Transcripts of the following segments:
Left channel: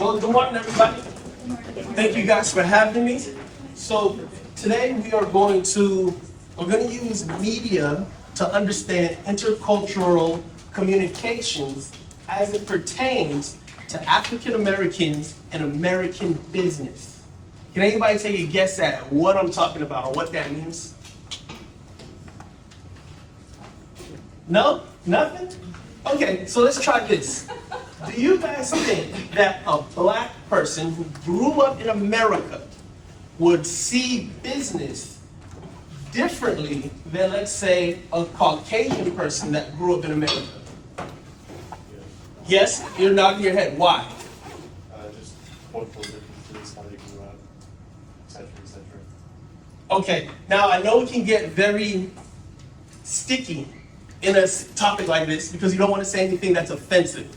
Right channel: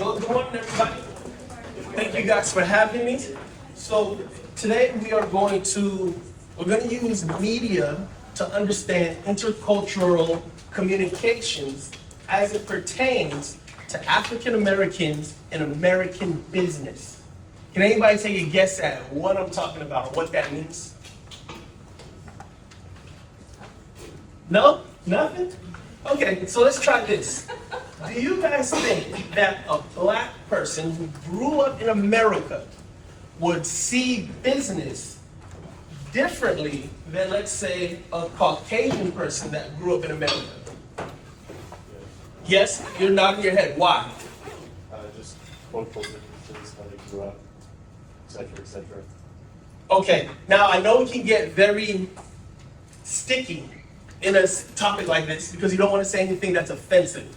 Well, good morning, everybody. Thank you guys for having me. So today we're going to use media to understand intercultural communications as it pertains to African Americans and American business. Can anybody take a guess at what I'm talking about or what that means? No? Nothing? Okay, so let's try this. Do you guys think that a black person who grew up in America would see business differently than, let's say, a Caucasian person that grew up in America? Yes, you're nodding your head. Why? Just multiple differences, how they grew up, etc., etc. Okay, now I know it can get very sticky in a topic like this because you don't want to say anything that's offensive.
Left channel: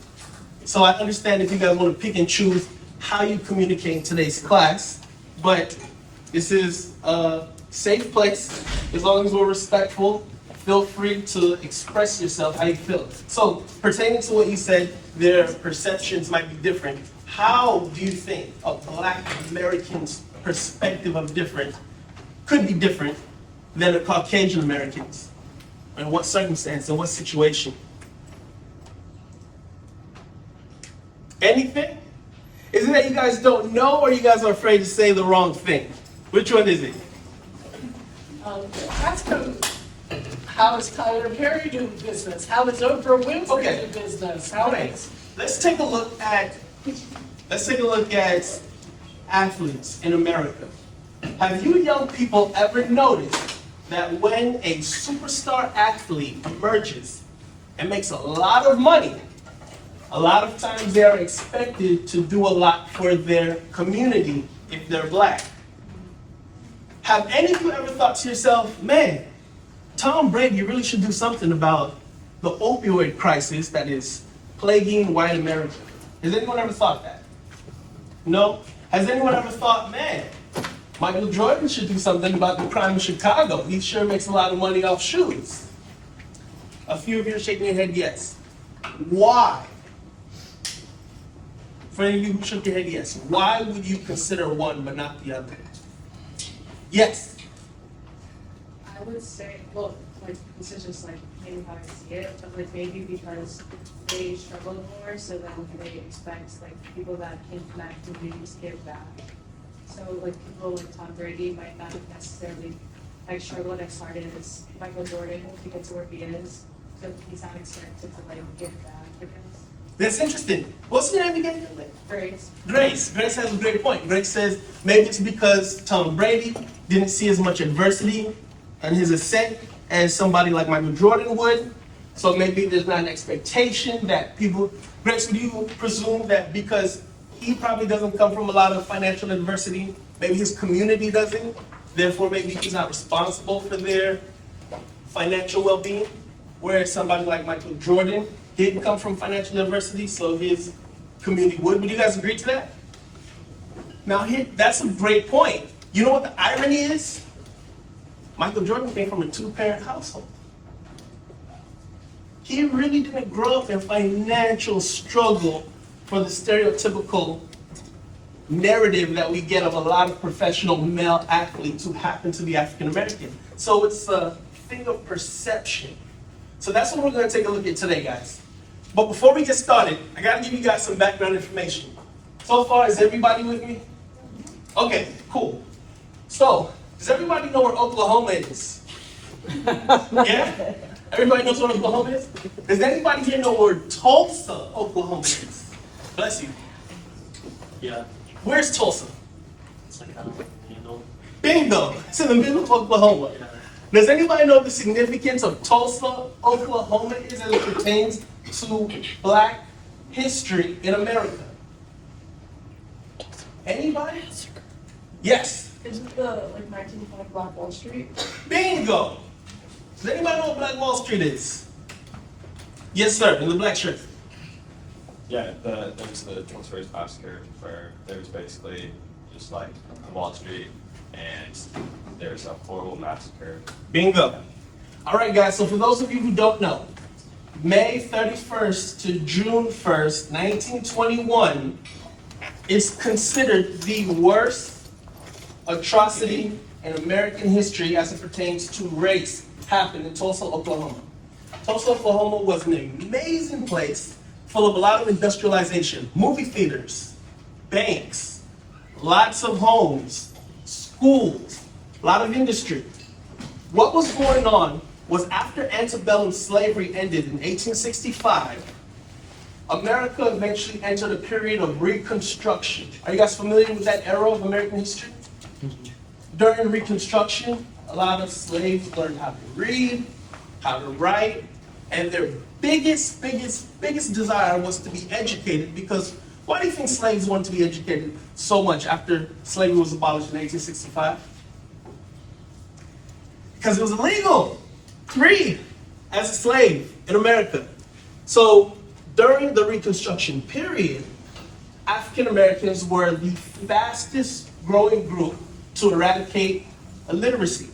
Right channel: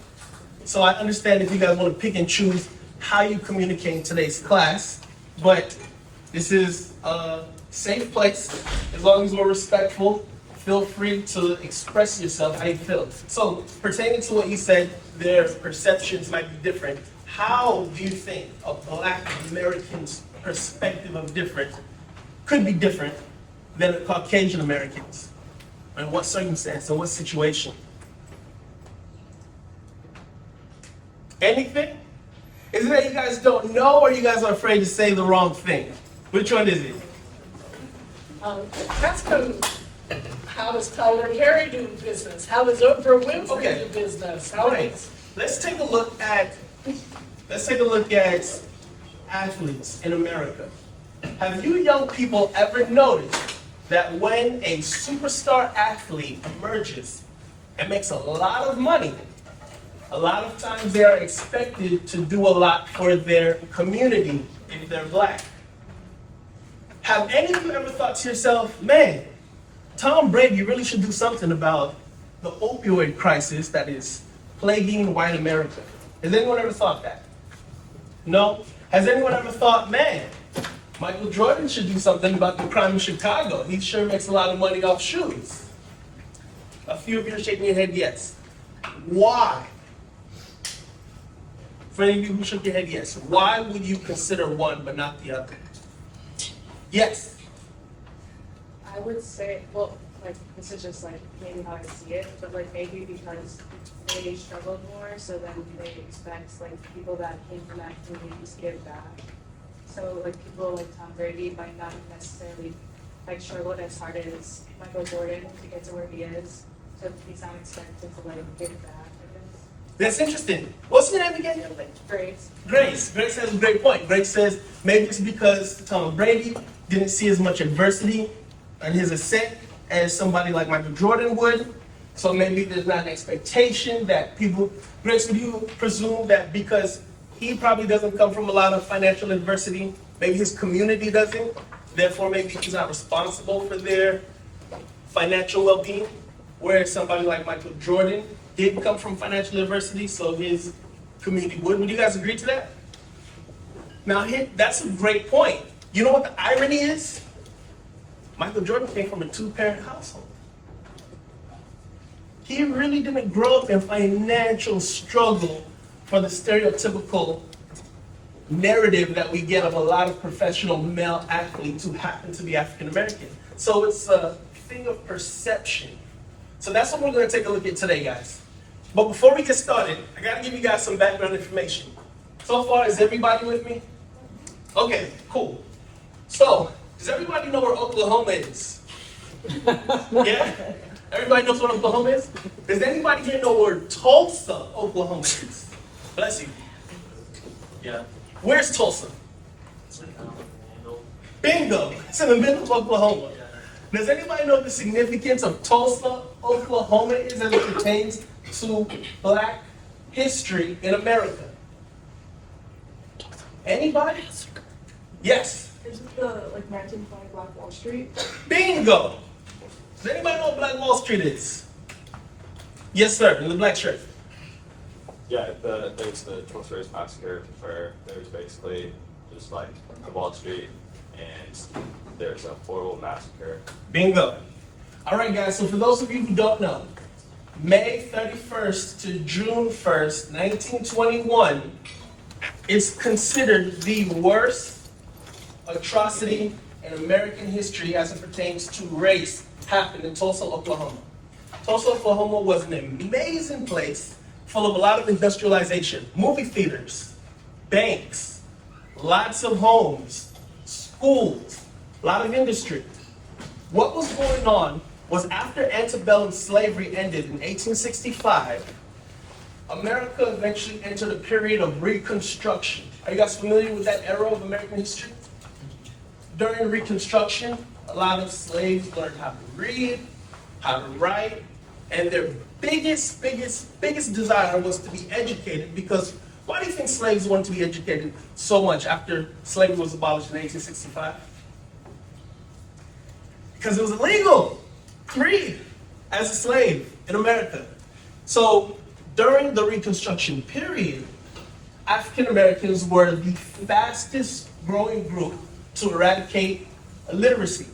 So I understand if you guys want to pick and choose how you communicate in today's class, but this is a safe place. As long as we're respectful, feel free to express yourself how you feel. So pertaining to what you said, their perceptions might be different. How do you think a black American's perspective of different could be different than a Caucasian American's? In what circumstance, in what situation? Anything? Is it that you guys don't know or you guys are afraid to say the wrong thing? Which one is it? Ask him, how does Tyler Perry do business? How does Oprah Winfrey do business? Let's take a look at athletes in America. Have you young people ever noticed that when a superstar athlete emerges and makes a lot of money, a lot of times they are expected to do a lot for their community if they're black? Have any of you ever thought to yourself, man, Tom Brady really should do something about the opioid crisis that is plaguing white America? Has anyone ever thought that? No? Has anyone ever thought, man, Michael Jordan should do something about the crime in Chicago? He sure makes a lot of money off shoes. A few of you are shaking your head yes. Why? For any of you who shook your head yes, why would you consider one but not the other? Yes. I would say, well, like, this is just like maybe how I see it, but like maybe because they struggle more, so then they expect like people that came from that community to give back. So like people like Tom Brady might not necessarily like struggle as hard as Michael Jordan to get to where he is, so he's not expected to like give back. That's interesting. What's your name again? Grace. Grace has a great point. Grace says maybe it's because Tom Brady didn't see as much adversity in his ascent as somebody like Michael Jordan would. So maybe there's not an expectation that people. Grace, would you presume that because he probably doesn't come from a lot of financial adversity, maybe his community doesn't, therefore maybe he's not responsible for their financial well-being, whereas somebody like Michael Jordan didn't come from financial adversity, so his community would. Would you guys agree to that? Now, that's a great point. You know what the irony is? Michael Jordan came from a two-parent household. He really didn't grow up in financial struggle for the stereotypical narrative that we get of a lot of professional male athletes who happen to be African American. So it's a thing of perception. So that's what we're going to take a look at today, guys. But before we get started, I got to give you guys some background information. So far, is everybody with me? Okay, cool. So, does everybody know where Oklahoma is? Yeah? Everybody knows what Oklahoma is? Does anybody here know where Tulsa, Oklahoma is? Bless you. Yeah. Where's Tulsa? It's like, you know. Bingo! It's in the middle of Oklahoma. Does anybody know the significance of Tulsa, Oklahoma is as it pertains to black history in America? Anybody? Yes. Isn't the like 1905 Black Wall Street? Bingo! Does anybody know what Black Wall Street is? Yes, sir, in the black shirt. Yeah, there's the Charles Race Massacre, where there's basically just like the Wall Street, and there's a horrible massacre. Bingo. All right, guys, so for those of you who don't know, May 31st to June 1st, 1921, It's considered the worst atrocity in American history as it pertains to race happened in Tulsa, Oklahoma. Tulsa, Oklahoma was an amazing place full of a lot of industrialization, movie theaters, banks, lots of homes, schools, a lot of industry. What was going on was after antebellum slavery ended in 1865, America eventually entered a period of Reconstruction. Are you guys familiar with that era of American history? During Reconstruction, a lot of slaves learned how to read, how to write, and their biggest desire was to be educated, because why do you think slaves wanted to be educated so much after slavery was abolished in 1865? Because it was illegal to read as a slave in America. So during the Reconstruction period, African Americans were the fastest growing group to eradicate illiteracy,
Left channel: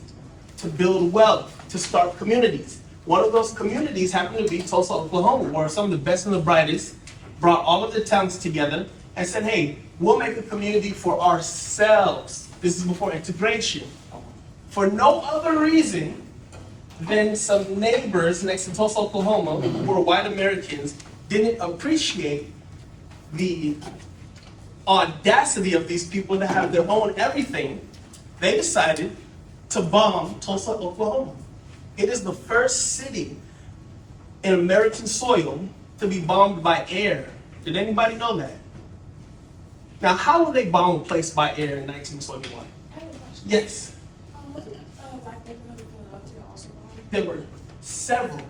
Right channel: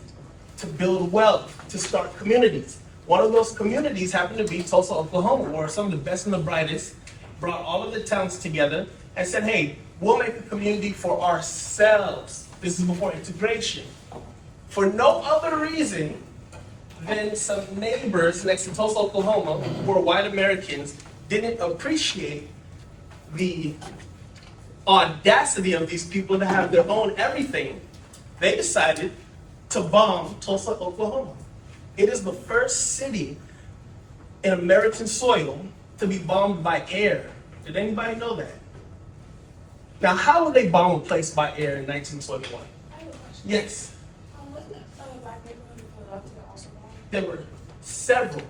to build wealth, to start communities. One of those communities happened to be Tulsa, Oklahoma, where some of the best and the brightest brought all of the towns together and said, hey, we'll make a community for ourselves. This is before integration. For no other reason than some neighbors next to Tulsa, Oklahoma, who were white Americans, didn't appreciate the audacity of these people to have their own everything. They decided to bomb Tulsa, Oklahoma. It is the first city in American soil to be bombed by air. Did anybody know that? Now, how would they bomb a place by air in 1921? Yes. There were several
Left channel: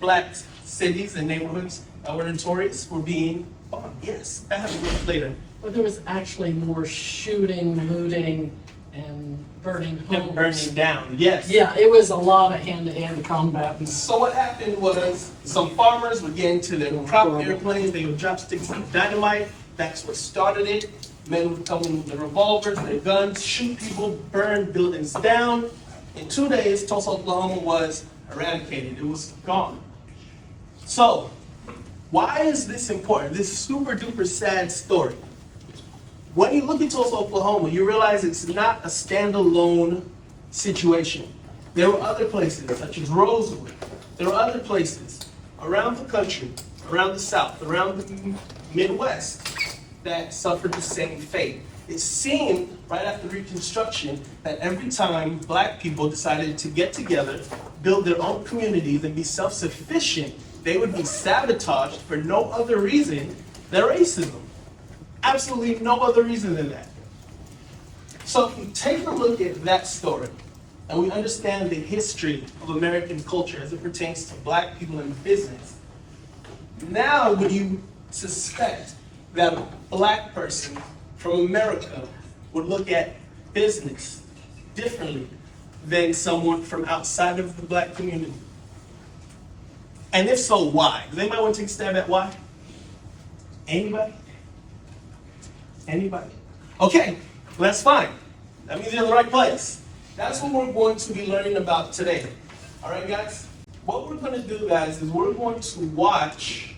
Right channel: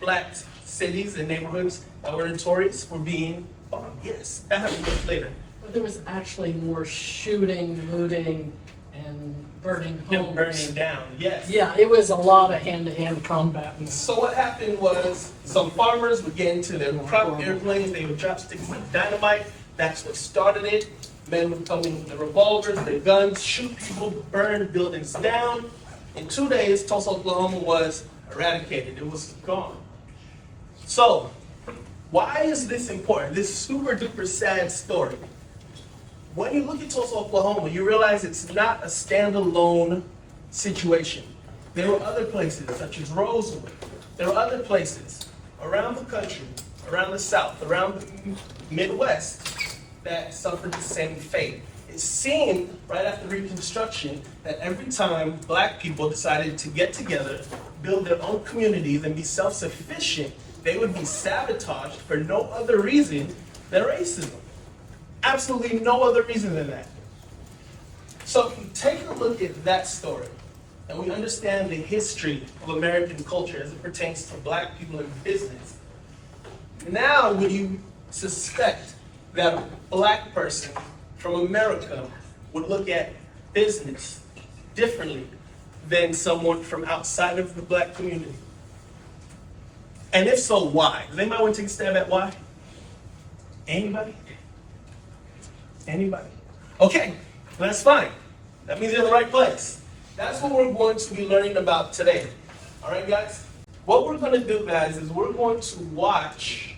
black cities and neighborhoods that were notorious for being bombed. Yes, that happened much later. But there was actually more shooting, looting, and burning homes. Burning down, yes. Yeah, it was a lot of hand-to-hand combat. So what happened was some farmers would get into their crop airplanes, they would drop sticks of dynamite. That's what started it. Men would come in with their revolvers, their guns, shoot people, burn buildings down. In 2 days, Tulsa, Oklahoma was eradicated. It was gone. So, why is this important? This super duper sad story. When you look at Tulsa, Oklahoma, you realize it's not a standalone situation. There were other places, such as Rosewood. There were other places around the country, around the South, around the Midwest, that suffered the same fate. It seemed right after Reconstruction that every time black people decided to get together, build their own communities, and be self-sufficient, they would be sabotaged for no other reason than racism. Absolutely no other reason than that. So if we take a look at that story, and we understand the history of American culture as it pertains to black people in business, now would you suspect that a black person from America would look at business differently than someone from outside of the black community? And if so, why? Does anybody want to take a stab at why? Anybody? Anybody? Okay, well, that's fine. That means you're in the right place. That's what we're going to be learning about today. All right, guys? What we're going to do, guys, is we're going to watch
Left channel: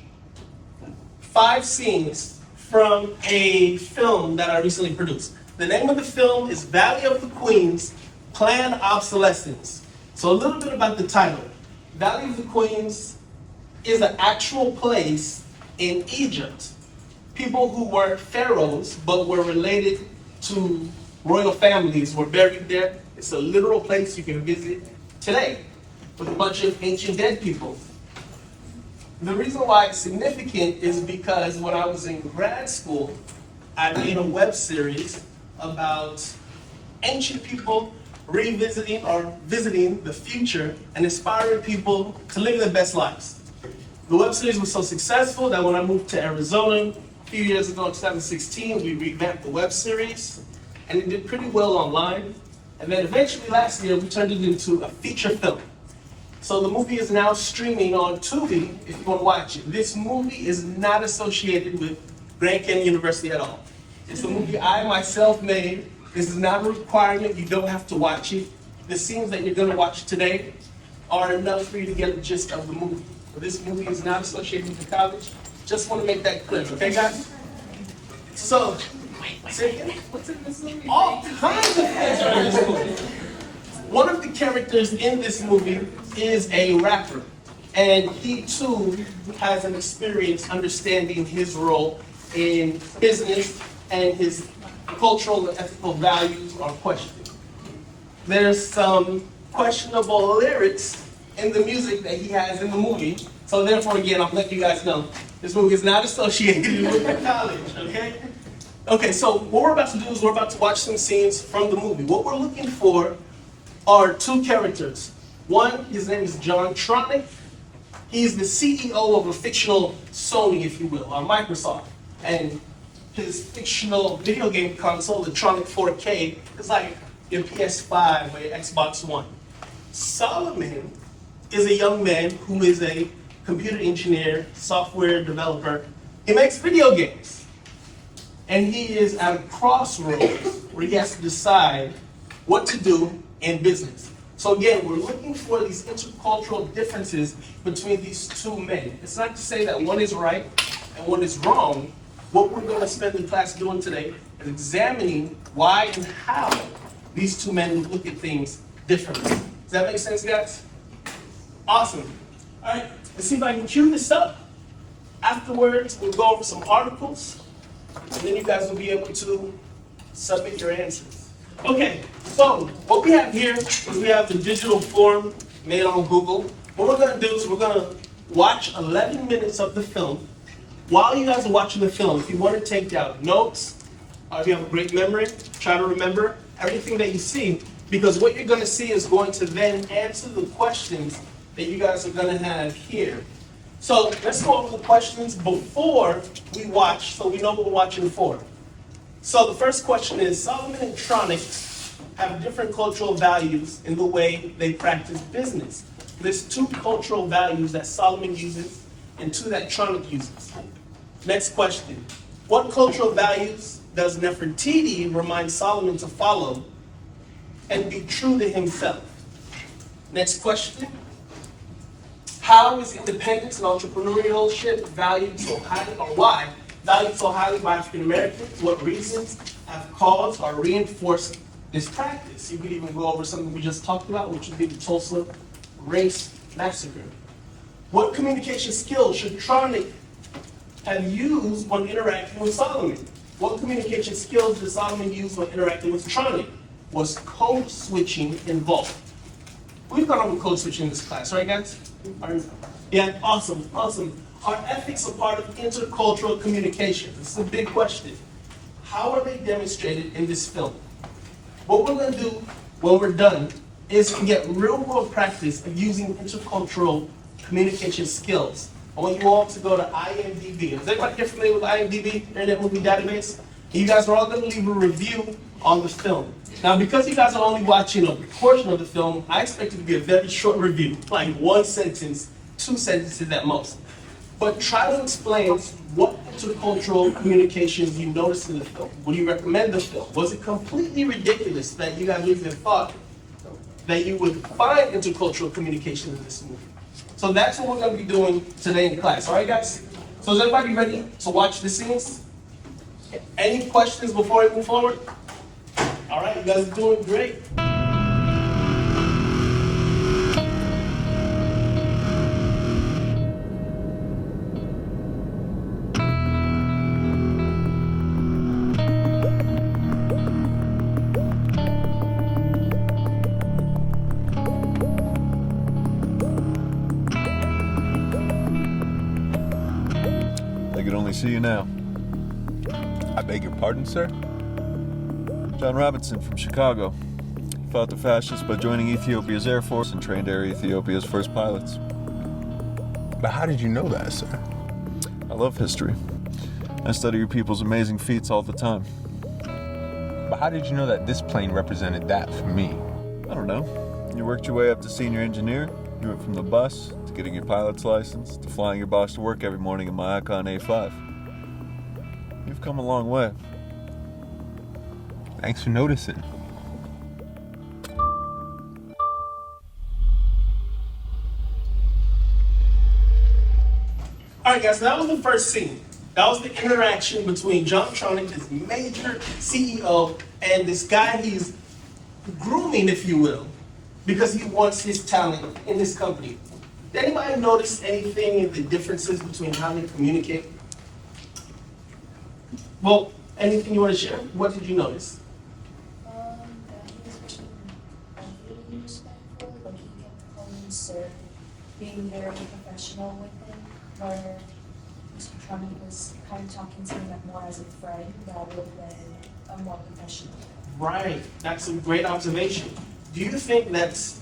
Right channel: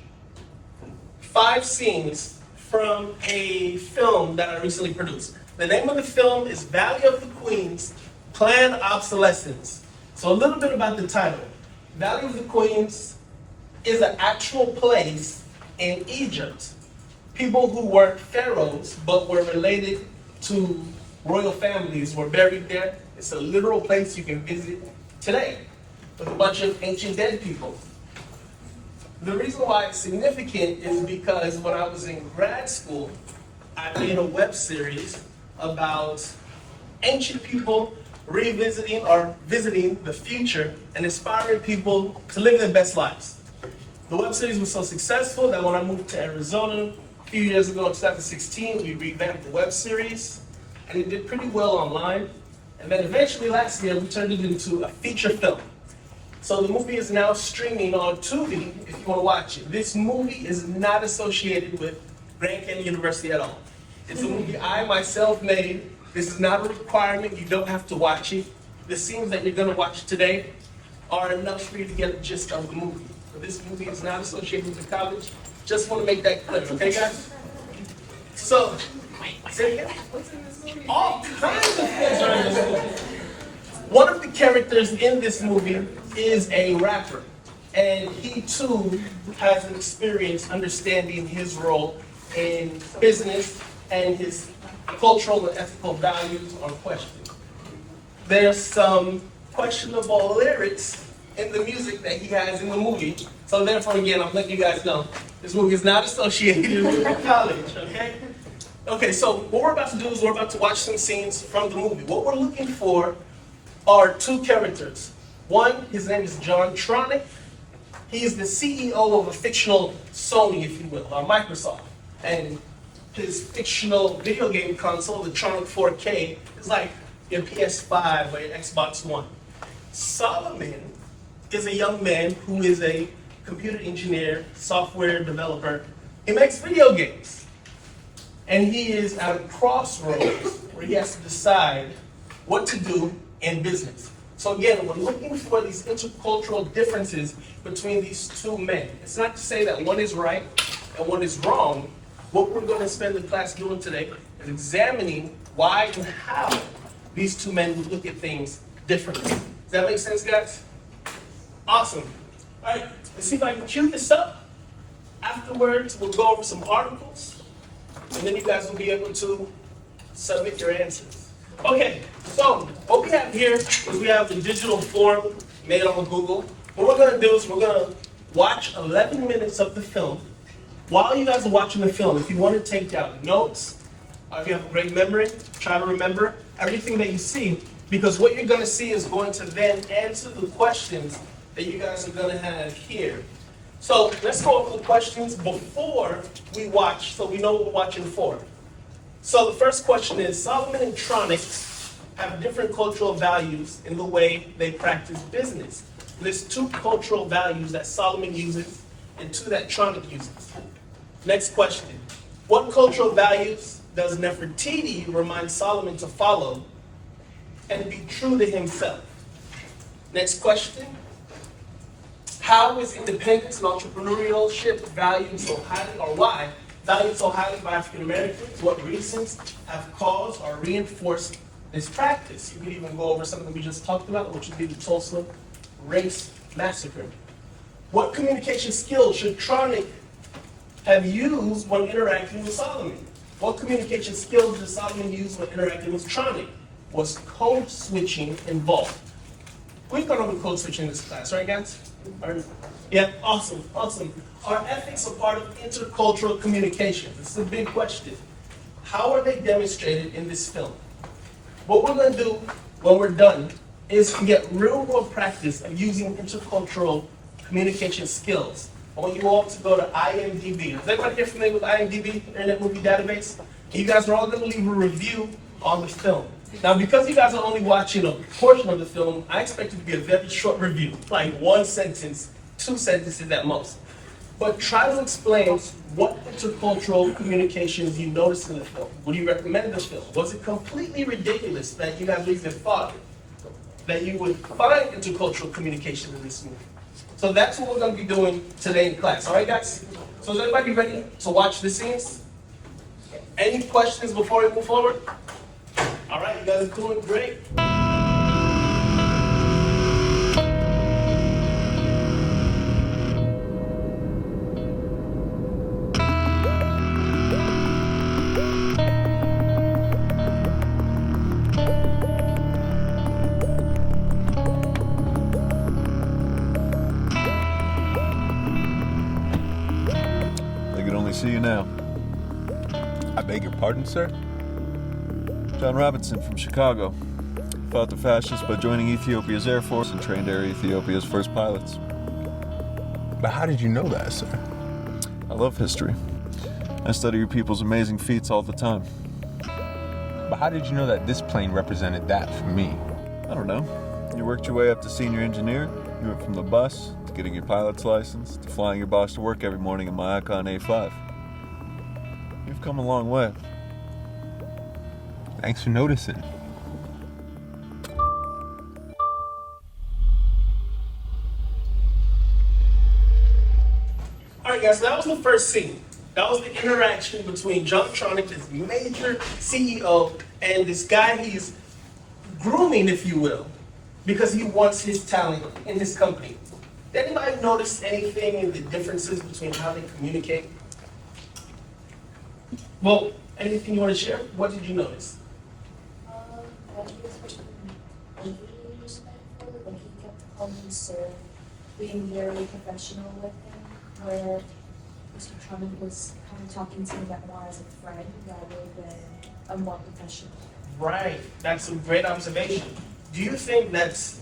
5 scenes from a film that I recently produced. The name of the film is Valley of the Queens, Planned Obsolescence. So a little bit about the title. Valley of the Queens is an actual place in Egypt. People who weren't pharaohs but were related to royal families were buried there. It's a literal place you can visit today with a bunch of ancient dead people. The reason why it's significant is because when I was in grad school, I made a web series about ancient people revisiting or visiting the future and inspiring people to live their best lives. The web series was so successful that when I moved to Arizona a few years ago in 2016, we revamped the web series and it did pretty well online. And then eventually last year, we turned it into a feature film. So the movie is now streaming on TUBi if you want to watch it. This movie is not associated with Grand Canyon University at all. It's a movie I myself made. This is not a requirement. You don't have to watch it. The scenes that you're going to watch today are enough for you to get a gist of the movie. So this movie is not associated with the college. Just want to make that clear, okay, guys? So, say again? What's in this movie? All kinds of things are in this movie. One of the characters in this movie is a rapper, and he too has an experience understanding his role in business, and his cultural and ethical values are questioned. There's some questionable lyrics in the music that he has in the movie, so therefore, again, I'm letting you guys know, this movie is not associated with the college, okay? Okay, so what we're about to do is we're about to watch some scenes from the movie. What we're looking for are two characters. One, his name is John Tronick. He's the CEO of a fictional Sony, if you will, or Microsoft. And his fictional video game console, the Tronic 4K, is like your PS5 or your Xbox One. Solomon is a young man who is a computer engineer, software developer. He makes video games. And he is at a crossroads where he has to decide what to do in business. So again, we're looking for these intercultural differences between these two men. It's not to say that one is right and one is wrong. What we're going to spend the class doing today is examining why and how these two men look at things differently. Does that make sense, guys? Awesome. All right, let's see if I can cue this up. Afterwards, we'll go over some articles, and then you guys will be able to submit your answers. Okay, so what we have here is we have the digital form made on Google. What we're going to do is we're going to watch 11 minutes of the film. While you guys are watching the film, if you want to take down notes, or if you have a great memory, try to remember everything that you see, because what you're going to see is going to then answer the questions that you guys are going to have here. So let's go over the questions before we watch, so we know what we're watching for. So the first question is, Solomon and Tronic have different cultural values in the way they practice business. There's two cultural values that Solomon uses and two that Tronic uses. Next question, what cultural values does Nefertiti remind Solomon to follow and be true to himself? Next question, how is independence and entrepreneurship valued so highly, or why valued so highly by African Americans? What reasons have caused or reinforced this practice? You could even go over something we just talked about, which would be the Tulsa Race Massacre. What communication skills should Tronic have used when interacting with Solomon? What communication skills did Solomon use when interacting with Tronic? Was code switching involved? We've gone over code switching in this class, right, guys? Yeah, awesome, awesome. Are ethics a part of intercultural communication? This is a big question. How are they demonstrated in this film? What we're going to do when we're done is to get real-world practice of using intercultural communication skills. I want you all to go to IMDb. Is everybody here familiar with IMDb, Internet Movie Database? You guys are all going to leave a review on the film. Now, because you guys are only watching a portion of the film, I expect it to be a very short review, like one sentence, 2 sentences at most. But try to explain what intercultural communications you noticed in the film. Would you recommend the film? Was it completely ridiculous that you guys even thought that you would find intercultural communication in this movie? So that's what we're going to be doing today in class. All right, guys? So is everybody ready to watch the scenes? Any questions before we move forward? All right, you guys are doing great. They could only see you now. I beg your pardon, sir? John Robinson from Chicago. Fought the fascists by joining Ethiopia's Air Force and trained Air Ethiopia's first pilots. But how did you know that, sir? I love history. I study your people's amazing feats all the time. But how did you know that this plane represented that for me? I don't know. You worked your way up to senior engineer. You went from the bus to getting your pilot's license to flying your boss to work every morning in my Icon A5. You've come a long way. Thanks for noticing. All right, guys, so that was the first scene. That was the interaction between John Tronick, this major CEO, and this guy he's grooming, if you will, because he wants his talent in this company. Did anybody notice anything in the differences between how they communicate? Well, anything you want to share? What did you notice? That he was being respectful, like he kept calling sir, being very professional with him, where Mr. Drummond was kind of talking to him more as a friend rather than a more professional. Right, that's a great observation. Do you think that's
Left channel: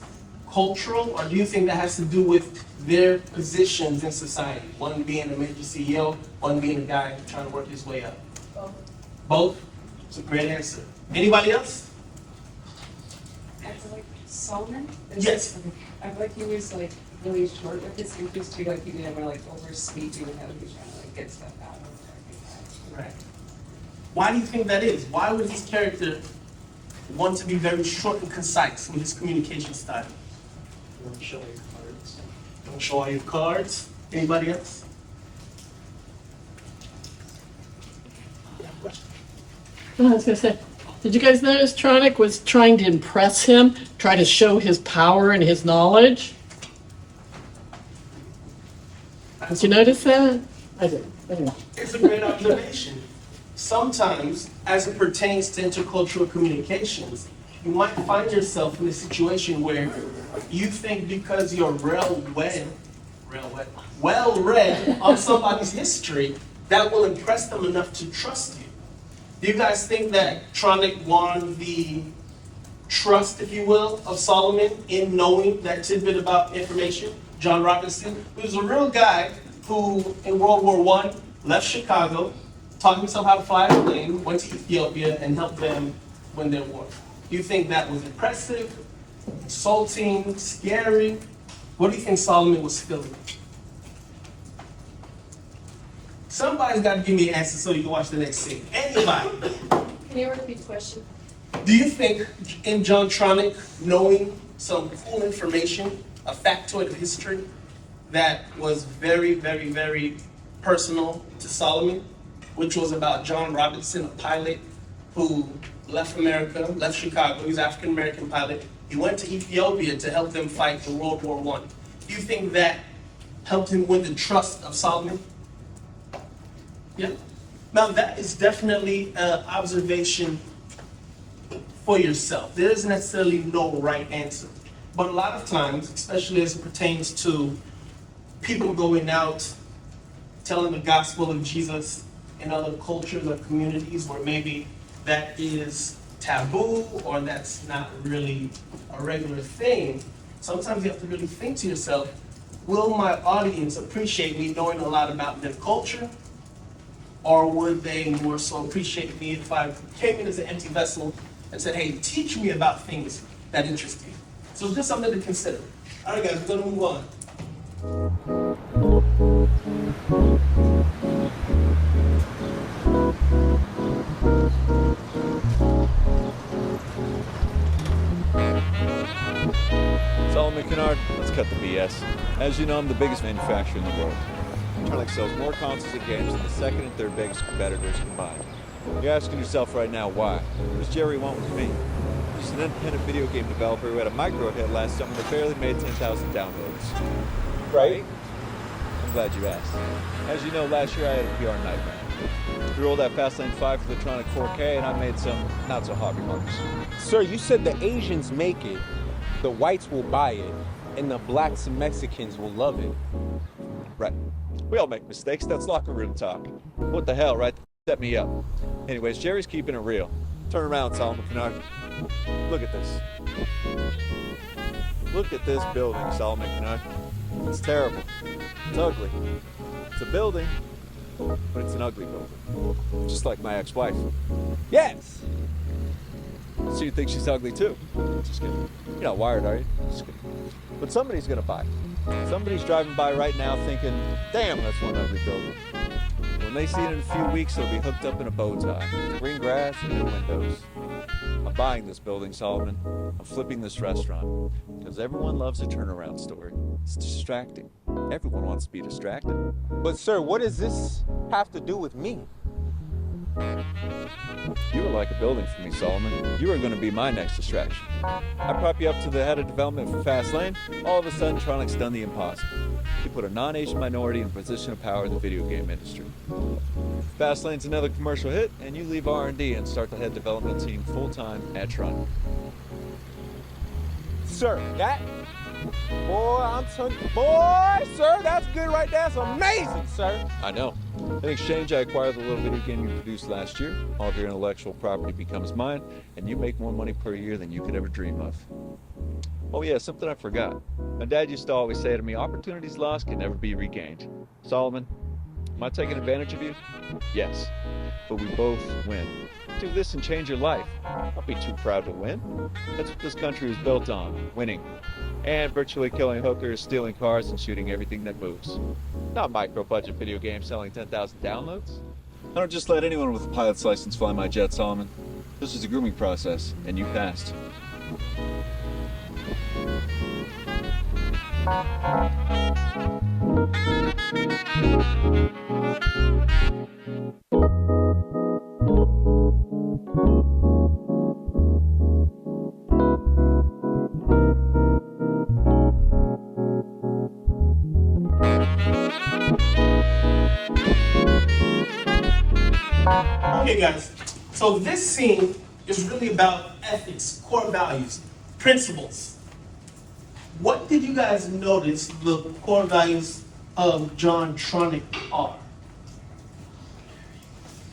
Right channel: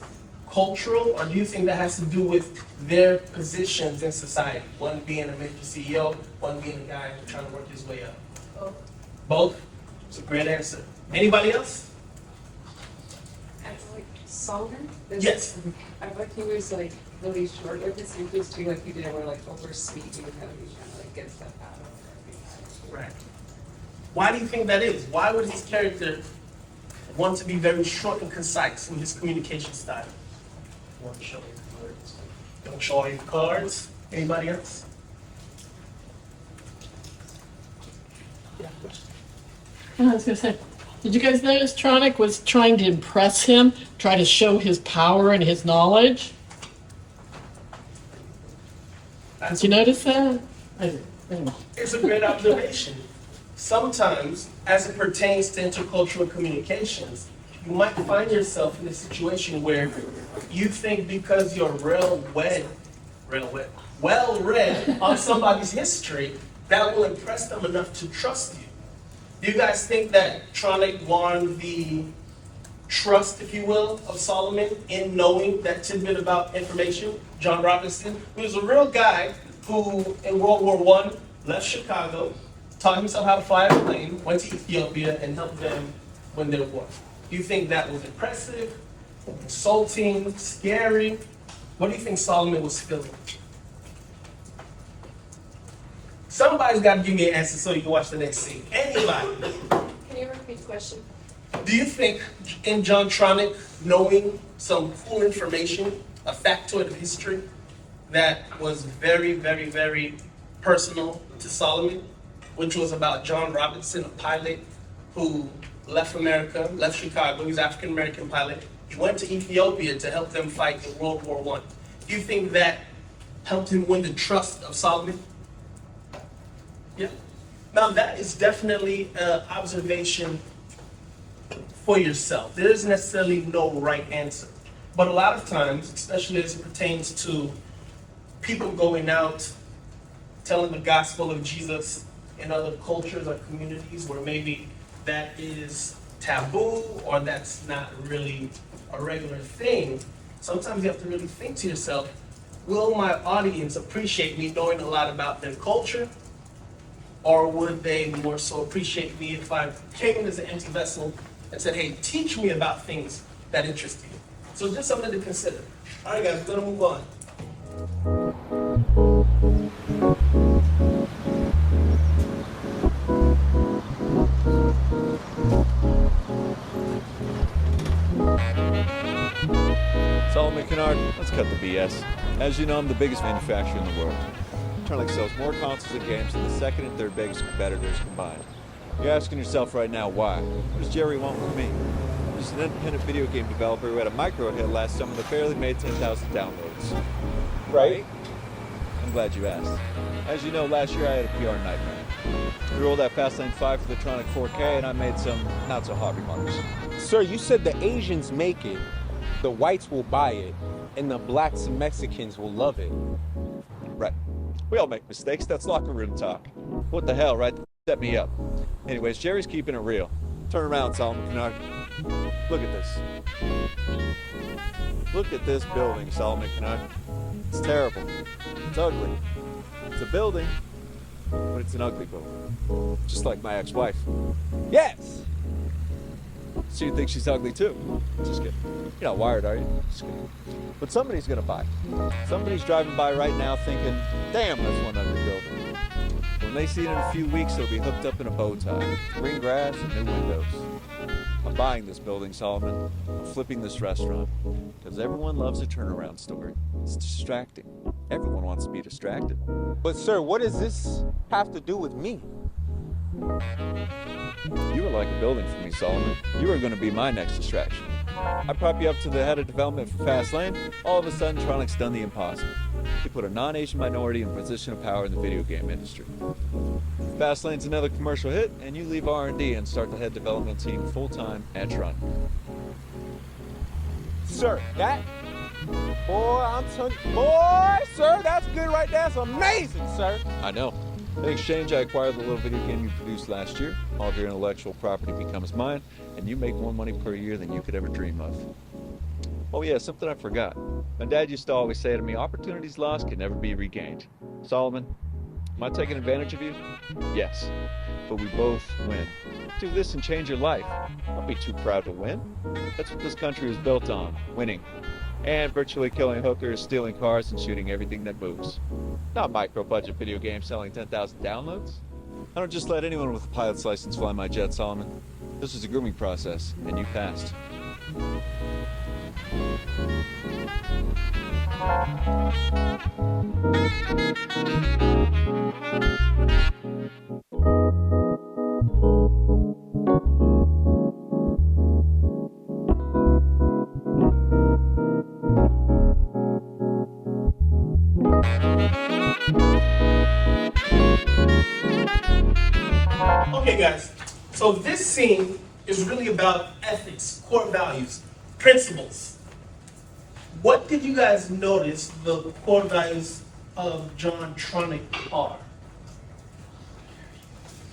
cultural, or do you think that has to do with their positions in society? One being a major CEO, one being a guy trying to work his way up. Both. Both? It's a great answer. Anybody else? I feel like Solomon? Yes. I feel like he was like really short with his answers too, like he didn't want to like overspeak even though he was trying to like get stuff out of it. Right. Why do you think that is? Why would his character want to be very short and concise with his communication style? Don't show your cards. Don't show all your cards. Anybody else? I was gonna say, did you guys notice Tronick was trying to impress him, try to show his power and his knowledge? Did you notice that? I did. Anyway. It's a great observation. Sometimes, as it pertains to intercultural communications, you might find yourself in a situation where you think because you're well-read on somebody's history, that will impress them enough to trust you. Do you guys think that Tronick won the trust, if you will, of Solomon in knowing that tidbit about information? John Robinson, who was a real guy who, in World War I, left Chicago, taught himself how to fly a plane, went to Ethiopia, and helped them win their war. Do you think that was impressive, insulting, scary? What do you think Solomon was feeling? Somebody's got to give me an answer so you can watch the next scene. Anybody? Can you repeat the question? Do you think in John Tronick knowing some cool information, a factoid of history that was very, very, very personal to Solomon, which was about John Robinson, a pilot who left America, left Chicago, he's an African-American pilot. He went to Ethiopia to help them fight in World War I. Do you think that helped him win the trust of Solomon? Yeah. Now that is definitely an observation for yourself. There isn't necessarily no right answer. But a lot of times, especially as it pertains to people going out, telling the gospel of Jesus in other cultures or communities where maybe that is taboo or that's not really a regular thing, sometimes you have to really think to yourself, will my audience appreciate me knowing a lot about their culture? Or would they more so appreciate me if I came in as an empty vessel and said, hey, teach me about things that interest you? So just something to consider. All right, guys, we're gonna move on. Solomon Kennard, let's cut the BS. As you know, I'm the biggest manufacturer in the world. Intercultural sells more consoles and games than the second and third biggest competitors combined. You're asking yourself right now, why? What does Jerry want with me? He's an independent video game developer who had a micro hit last summer that barely made 10,000 downloads. Right? I'm glad you asked. As you know, last year I had a PR nightmare. We rolled out Fastlane 5 for the Tronic 4K and I made some not-so-hot remarks. Sir, you said the Asians make it, the whites will buy it, and the blacks and Mexicans will love it. Right. We all make mistakes. That's locker room talk. What the hell, right? Set me up. Anyways, Jerry's keeping it real. Turn around, Solomon Kennard. Look at this. Look at this building, Solomon Kennard. It's terrible. It's ugly. It's a building, but it's an ugly building. Just like my ex-wife. Yes! So you think she's ugly too? Just kidding. You're not wired, are you? Just kidding. But somebody's gonna buy. Somebody's driving by right now thinking, damn, that's one ugly building. When they see it in a few weeks, it'll be hooked up in a bow tie, green grass and new windows. I'm buying this building, Solomon. I'm flipping this restaurant. Because everyone loves a turnaround story. It's distracting. Everyone wants to be distracted. But sir, what is this have to do with me? You were like a building for me, Solomon. You were going to be my next distraction. I prop you up to the head of development for Fastlane. All of a sudden, Tronic's done the impossible. He put a non-Asian minority in a position of power in the video game industry. Fastlane's another commercial hit, and you leave R&D and start the head development team full-time at Tronic. Sir, that? Boy, I'm telling you, boy, sir, that's good right there. That's amazing, sir. I know. In exchange, I acquired the little video game you produced last year. All of your intellectual property becomes mine, and you make more money per year than you could ever dream of. Oh yeah, something I forgot. My dad used to always say to me, opportunities lost can never be regained. Solomon, am I taking advantage of you? Yes, but we both win. Do this and change your life. Don't be too proud to win. That's what this country was built on, winning. And virtually killing hookers, stealing cars, and shooting everything that moves. Not micro-budget video games selling 10,000 downloads. I don't just let anyone with a pilot's license fly my jet, Solomon. This is a grooming process, and you passed. Okay, guys, so this scene is really about ethics, core values, principles. What did you guys notice the core values of John Tronic are?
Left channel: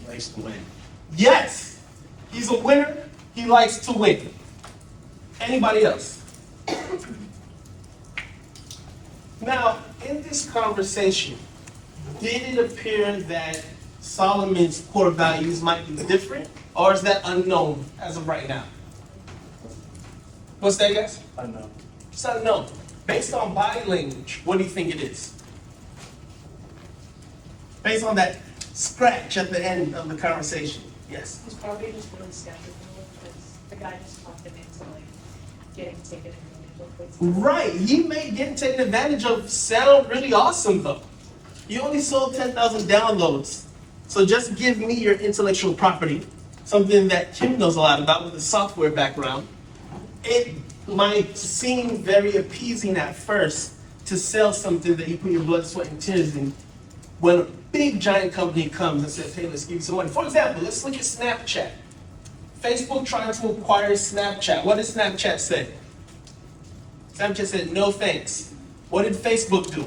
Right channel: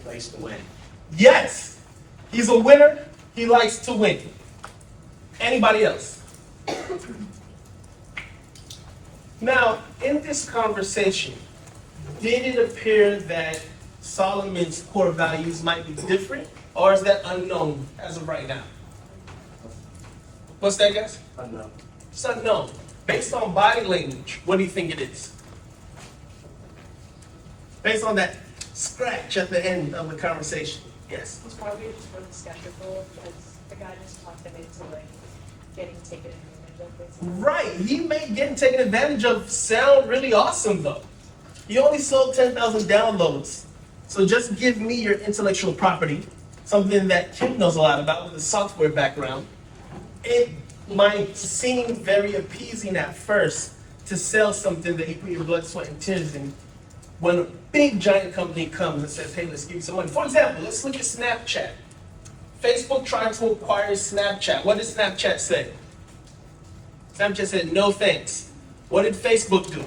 He likes to win. Yes, he's a winner, he likes to win. Anybody else? Now, in this conversation, did it appear that Solomon's core values might be different, or is that unknown as of right now? What's that, guys? Unknown. It's unknown. Based on body language, what do you think it is? Based on that scratch at the end of the conversation. Yes. Was probably just really skeptical because the guy just talked him into like getting taken advantage of. Right. He made getting taken advantage of sound really awesome, though. You only sold 10,000 downloads. So just give me your intellectual property, something that Kim knows a lot about with a software background. It might seem very appeasing at first to sell something that you put your blood, sweat, and tears in when a big giant company comes and says, hey, let's give you some money. For example, let's look at Snapchat. Facebook trying to acquire Snapchat. What did Snapchat say? Snapchat said, no thanks. What did Facebook do?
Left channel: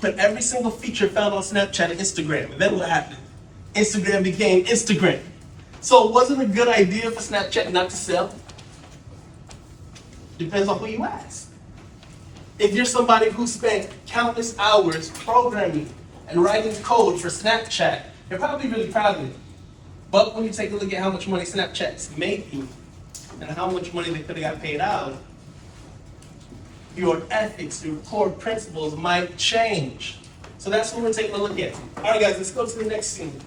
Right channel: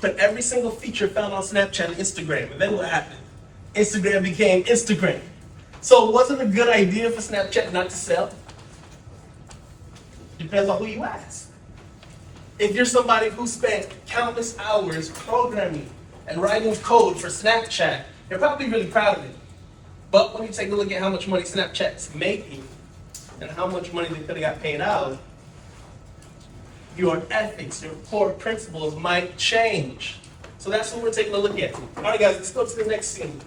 Put every single feature found on Snapchat and Instagram. And then what happened? Instagram became Instagram. So it wasn't a good idea for Snapchat not to sell. Depends on who you ask. If you're somebody who spent countless hours programming and writing code for Snapchat, you're probably really proud of it. But when you take a look at how much money Snapchat's making and how much money they could have got paid out, your ethics, your core principles might change. So that's what we're taking a look at. All right, guys, let's go to the next scene.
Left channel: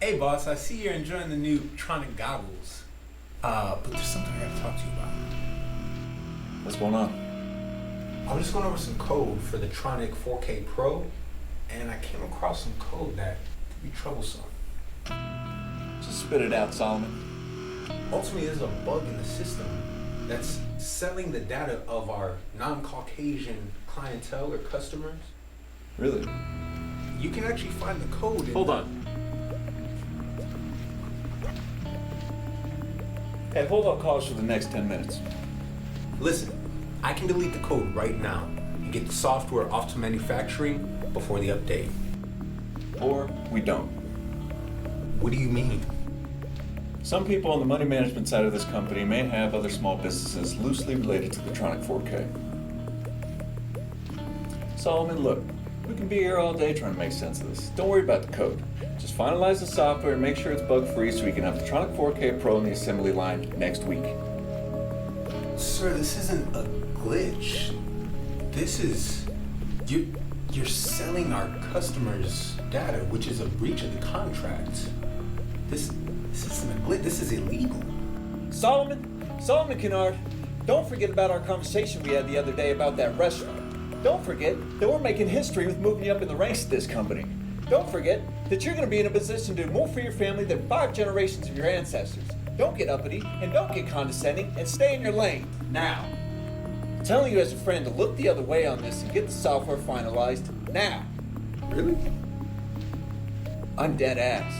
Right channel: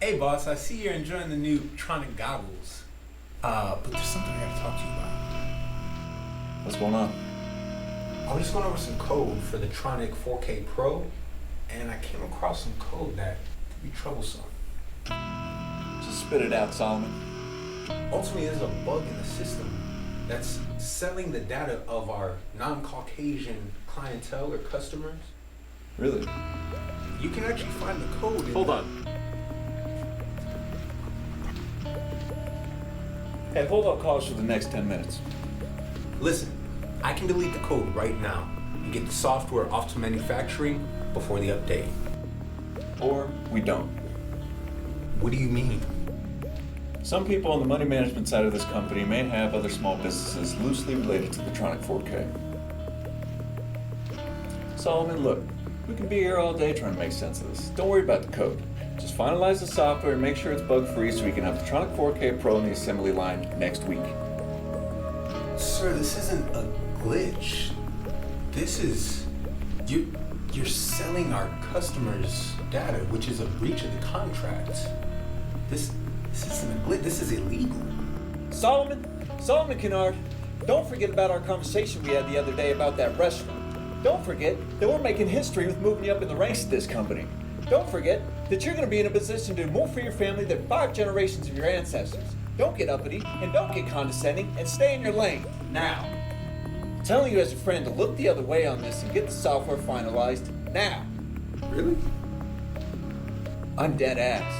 Hey boss, I see you're enjoying the new Tronic goggles. But there's something I gotta talk to you about. What's going on? I was just going over some code for the Tronic 4K Pro, and I came across some code that could be troublesome. Just spit it out, Solomon. Ultimately, there's a bug in the system that's selling the data of our non-Caucasian clientele or customers. Really? You can actually find the code in Hold on. Hey, hold on calls for the next 10 minutes. Listen, I can delete the code right now and get the software off to manufacturing before the update. Or we don't. What do you mean? Some people on the money management side of this company may have other small businesses loosely related to the Tronic 4K. Solomon, look, we can be here all day trying to make sense of this. Don't worry about the code. Just finalize the software and make sure it's bug-free so we can have the Tronic 4K Pro in the assembly line next week. Sir, this isn't a glitch. This is... You're selling our customers' data, which is a breach of the contract. This isn't a glitch. This is illegal. Solomon Kennard, don't forget about our conversation we had the other day about that restaurant. Don't forget that we're making history with moving you up in the ranks of this company. Don't forget that you're going to be in a position to do more for your family than 5 generations of your ancestors. Don't get uppity and don't get condescending and stay in your lane. Now. I'm telling you as a friend to look the other way on this and get the software finalized now. Really? I'm dead ass.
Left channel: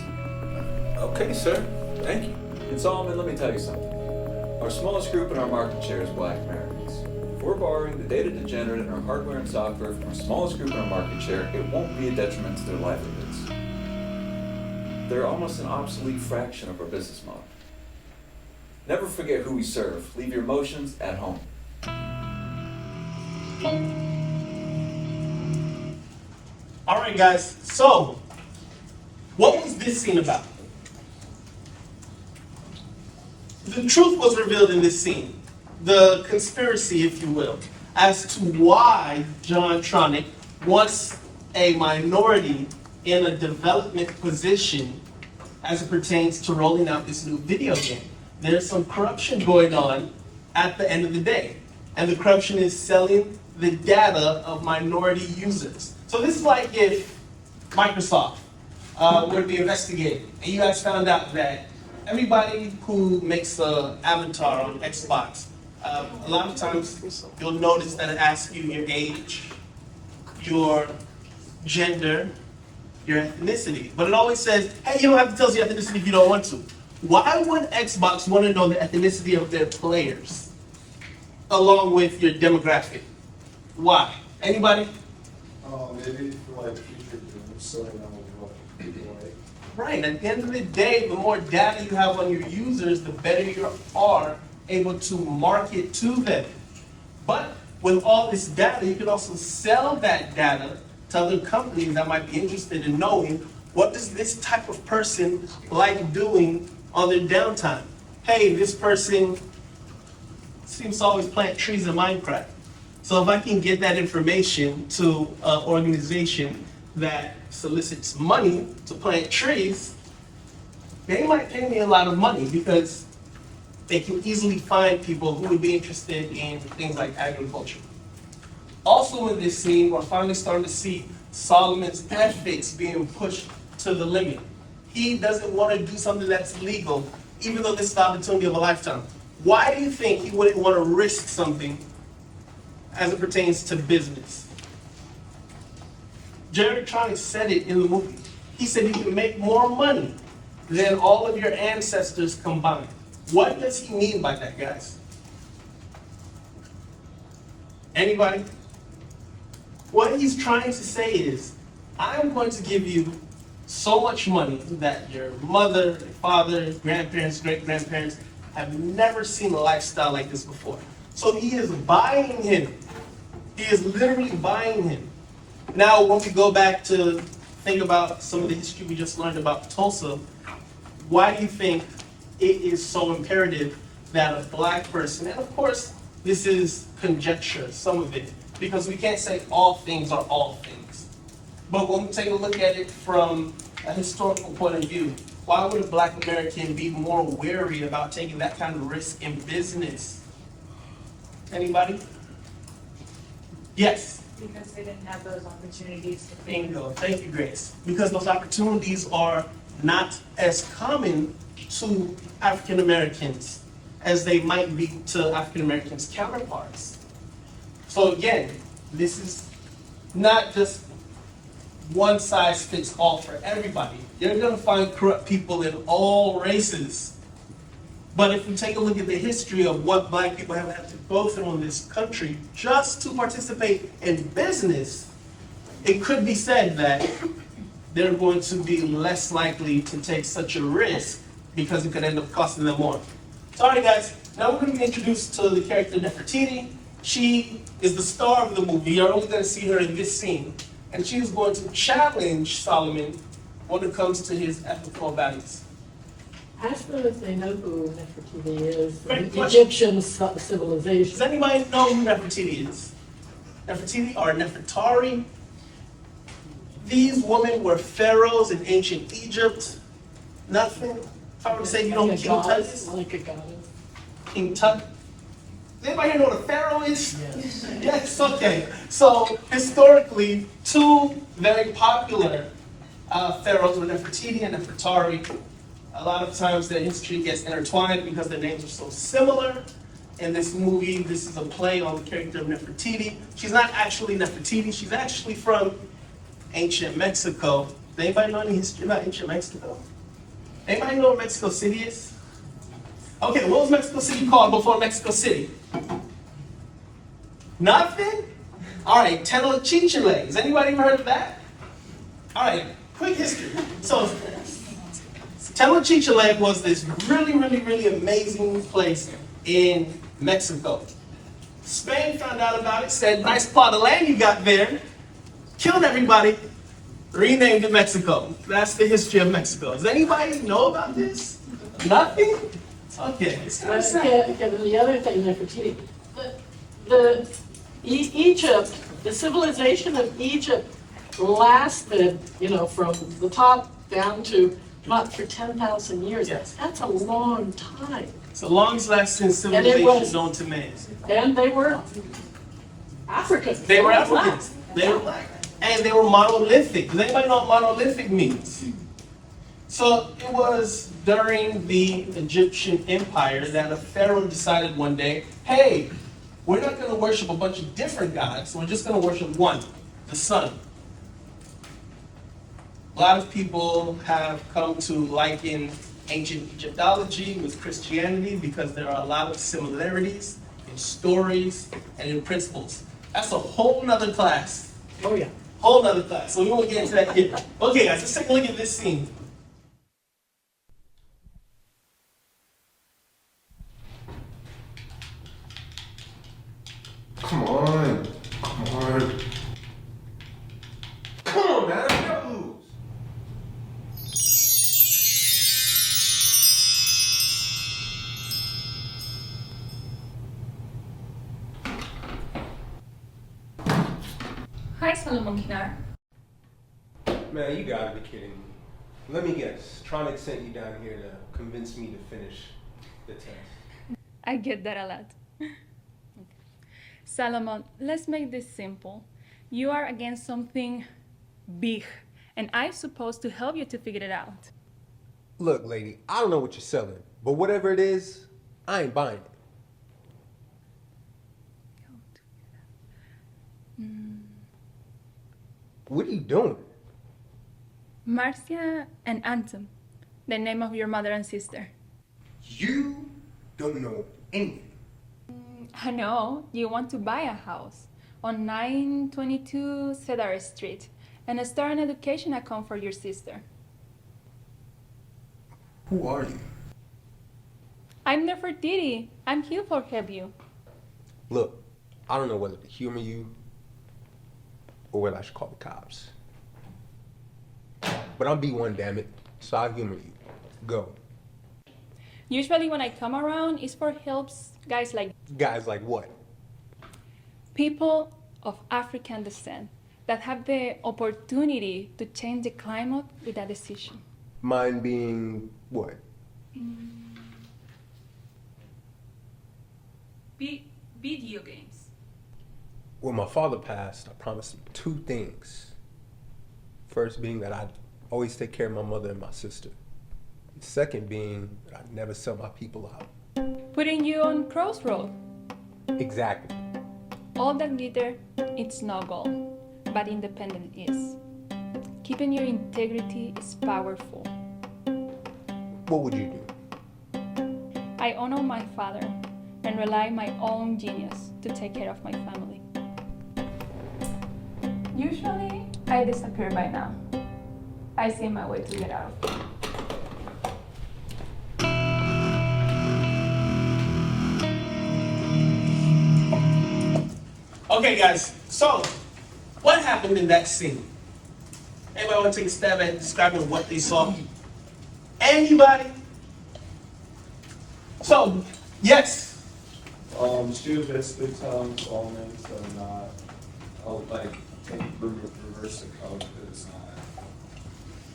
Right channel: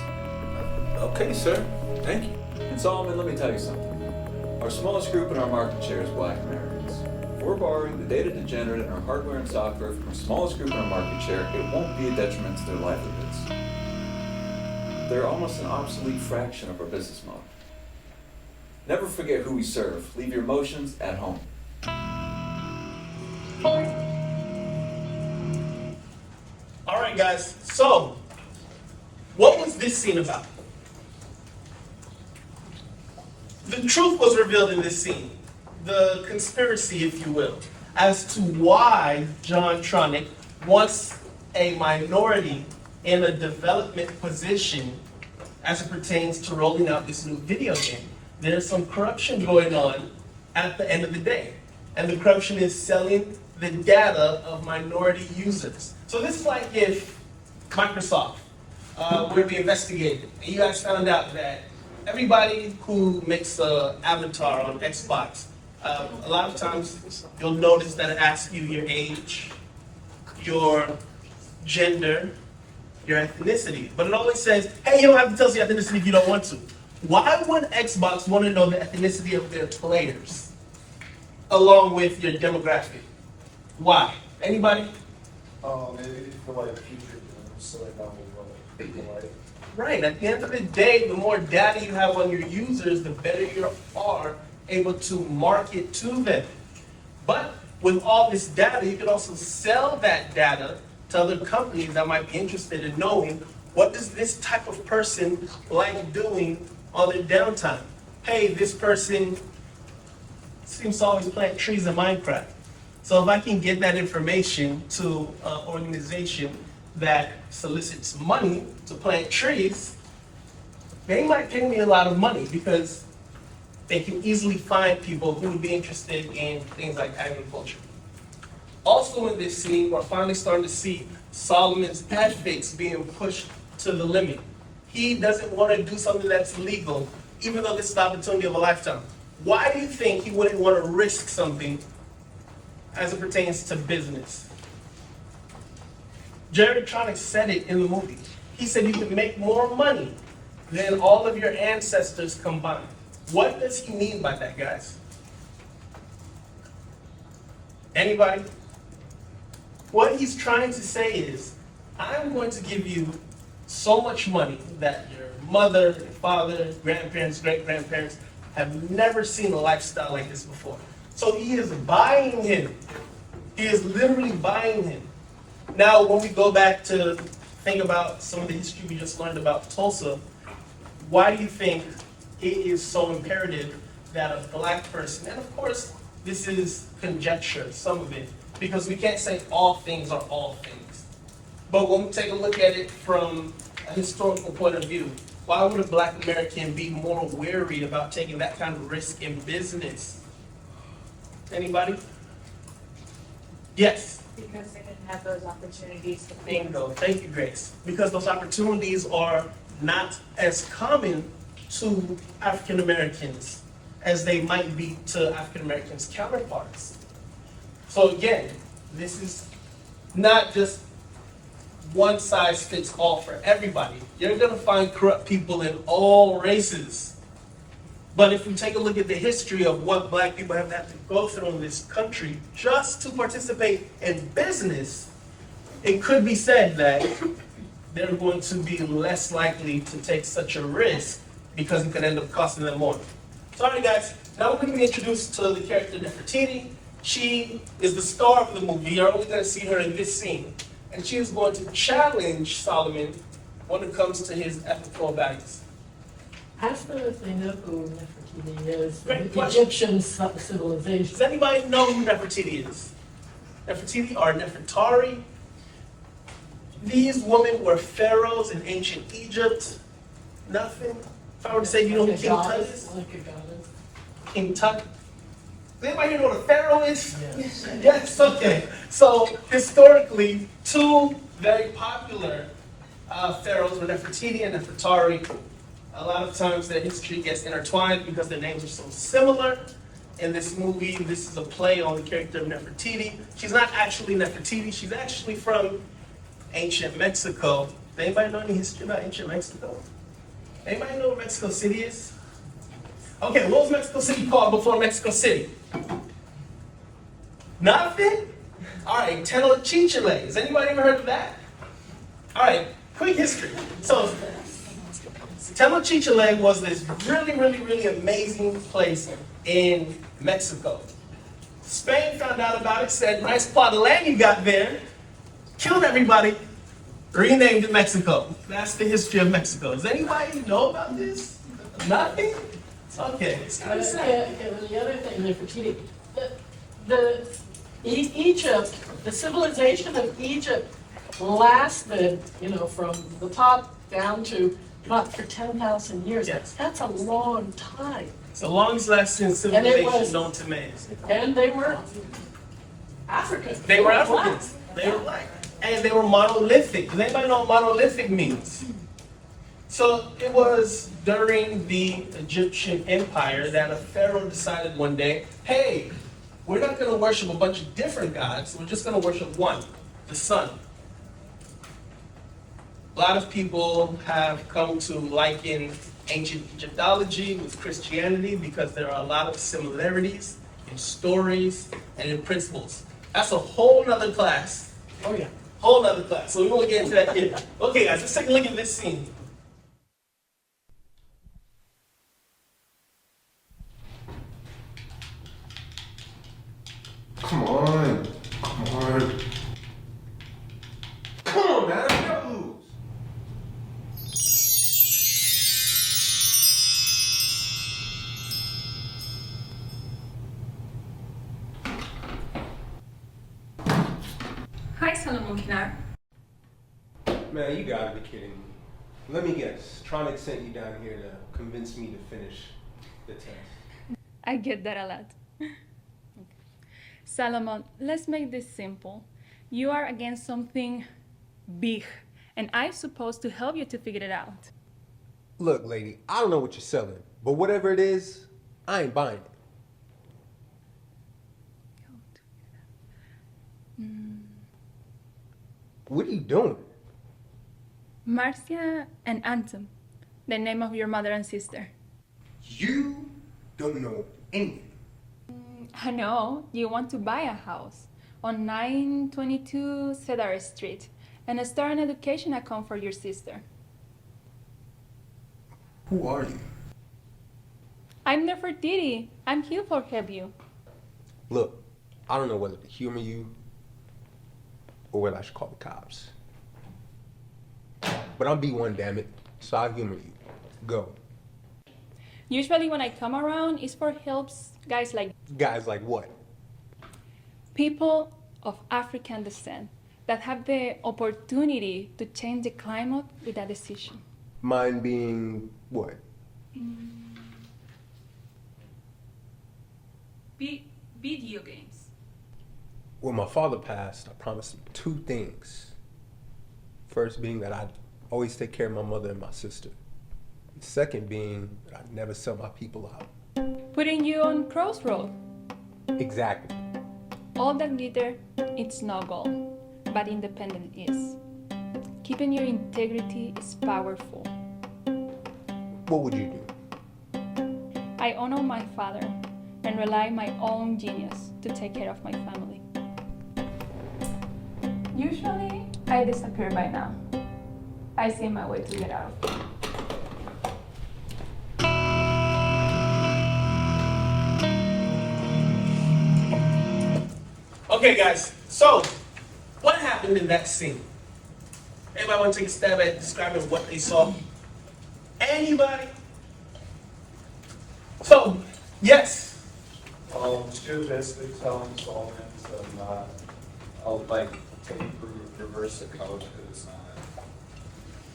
Okay, sir. Thank you. And Solomon, let me tell you something. Our smallest group in our market share is Black Americans. If we're borrowing the data degenerate in our hardware and software from our smallest group in our market share, it won't be a detriment to their livelihoods. They're almost an obsolete fraction of our business model. Never forget who we serve. Leave your emotions at home. All right, guys. So, what was this scene about? The truth was revealed in this scene. The conspiracy, if you will, as to why John Tronic wants a minority in a development position as it pertains to rolling out this new video game. There's some corruption going on at the end of the day. And the corruption is selling the data of minority users. So this is like if Microsoft were to be investigated, and you guys found out that everybody who makes an avatar on Xbox, a lot of times you'll notice that it asks you your age, your gender, your ethnicity. But it always says, hey, you don't have to tell us your ethnicity if you don't want to. Why would Xbox want to know the ethnicity of their players along with your demographic? Why? Anybody? Maybe for like future games, so they don't know people like. Right. At the end of the day, the more data you have on your users, the better you are able to market to them. But with all this data, you can also sell that data to other companies that might be interested in knowing what does this type of person like doing on their downtime. Hey, this person seems to always plant trees in Minecraft. So if I can get that information to an organization that solicits money to plant trees, they might pay me a lot of money because they can easily find people who would be interested in things like agriculture. Also in this scene, we're finally starting to see Solomon's ethics being pushed to the limit. He doesn't want to do something that's legal, even though this is the opportunity of a lifetime. Why do you think he wouldn't want to risk something as it pertains to business? Director Kevin said it in the movie. He said you can make more money than all of your ancestors combined. What does he mean by that, guys? Anybody? What he's trying to say is, I'm going to give you so much money that your mother, your father, grandparents, great-grandparents have never seen a lifestyle like this before. So he is buying him. He is literally buying him. Now, when we go back to think about some of the history we just learned about Tulsa, why do you think it is so imperative that a black person, and of course, this is conjecture, some of it, because we can't say all things are all things. But when we take a look at it from a historical point of view, Why would a Black American be more wary about taking that kind of risk in business? Anybody? Yes. Because they didn't have those opportunities to Bingo. Thank you, Grace. Because those opportunities are not as common to African Americans as they might be to African Americans' counterparts. So again, this is not just one size fits all for everybody. You're gonna find corrupt people in all races. But if you take a look at the history of what Black people have had to go through in this country just to participate in business, it could be said that they're going to be less likely to take such a risk because it could end up costing them more. So, all right, guys, now we're going to be introduced to the character Nefertiti. She is the star of the movie. You're only going to see her in this scene. And she is going to challenge Solomon when it comes to his ethical values. Ask them if they know who Nefertiti is, Great the question. Egyptian civilization. Does anybody know who Nefertiti is? Nefertiti or Nefertari? These women were pharaohs in ancient Egypt. Nothing? If I were to say, you know who Like a King Tut goddess, is? like a goddess. King Tut? Does anybody here know what a pharaoh is? Yes. Yes, okay. So historically, two very popular pharaohs were Nefertiti and Nefertari. A lot of times their history gets intertwined because their names are so similar. In this movie, this is a play on the character of Nefertiti. She's not actually Nefertiti, she's actually from ancient Mexico. Does anybody know any history about ancient Mexico? Anybody know where Mexico City is? Okay, what was Mexico City called before Mexico City? Nothing? All right, Tenochtitlan. Has anybody ever heard of that? All right, quick history. So, Tenochtitlan was this really amazing place in Mexico. Spain found out about it, said, nice plot of land you got there, killed everybody, renamed it Mexico. That's the history of Mexico. Does anybody know about this? Nothing? Okay, it's kind of sad. And the other thing, Nefertiti, Egypt, the civilization of Egypt lasted, from the top down to not for 10,000 years. Yes. That's a long time. It's the longest lasting civilization known to man. And they were African. They were Africans. They were black. And they were monolithic. Does anybody know what monolithic means? So it was during the Egyptian Empire that a pharaoh decided one day, hey, we're not going to worship a bunch of different gods. We're just going to worship one, the sun. A lot of people have come to liken ancient Egyptology with Christianity because there are a lot of similarities in stories and in principles. That's a whole nother class. Oh yeah. Whole nother class. So we won't get into that here. Okay guys, let's take a look at this scene. Come on. Come on. Come on, man. I gotta lose. Hi, Solomon Kinar. Man, you gotta be kidding me. Let me guess. Tronic sent you down here to convince me to finish the test. I get that a lot. Okay. Solomon, let's make this simple. You are against something big, and I'm supposed to help you to figure it out. Look, lady, I don't know what you're selling, but whatever it is, I ain't buying it. What are you doing? Marcia and Anton, the name of your mother and sister. You don't know anything. I know, you want to buy a house on 922 Cedar Street and start an education account for your sister. Who are you? I'm Nefertiti. I'm here for help you. Look, I don't know whether to humor you or whether I should call the cops. But I'm B1, damn it, so I'll humor you. Go. Usually when I come around, it's for helps guys like Guys like what? people of African descent that have the opportunity to change the climate with a decision. Mine being what? Video games. When my father passed, I promised him 2 things. First being that I'd always take care of my mother and my sister. The second being that I'd never sell my people out. Putting you on crossroad. Exactly. All that glitter, it's no gold, but independent is. Keeping your integrity is powerful. What would you do? I honor my father and rely on my own genius to take care of my family. Usually, I disappear by now. I see my way to get out. Okay, guys, so what happened in that scene? Anybody want to take a stab at describing what they saw? Anybody? So, yes. She was basically telling Solomon to not, like, reverse the code because it's not.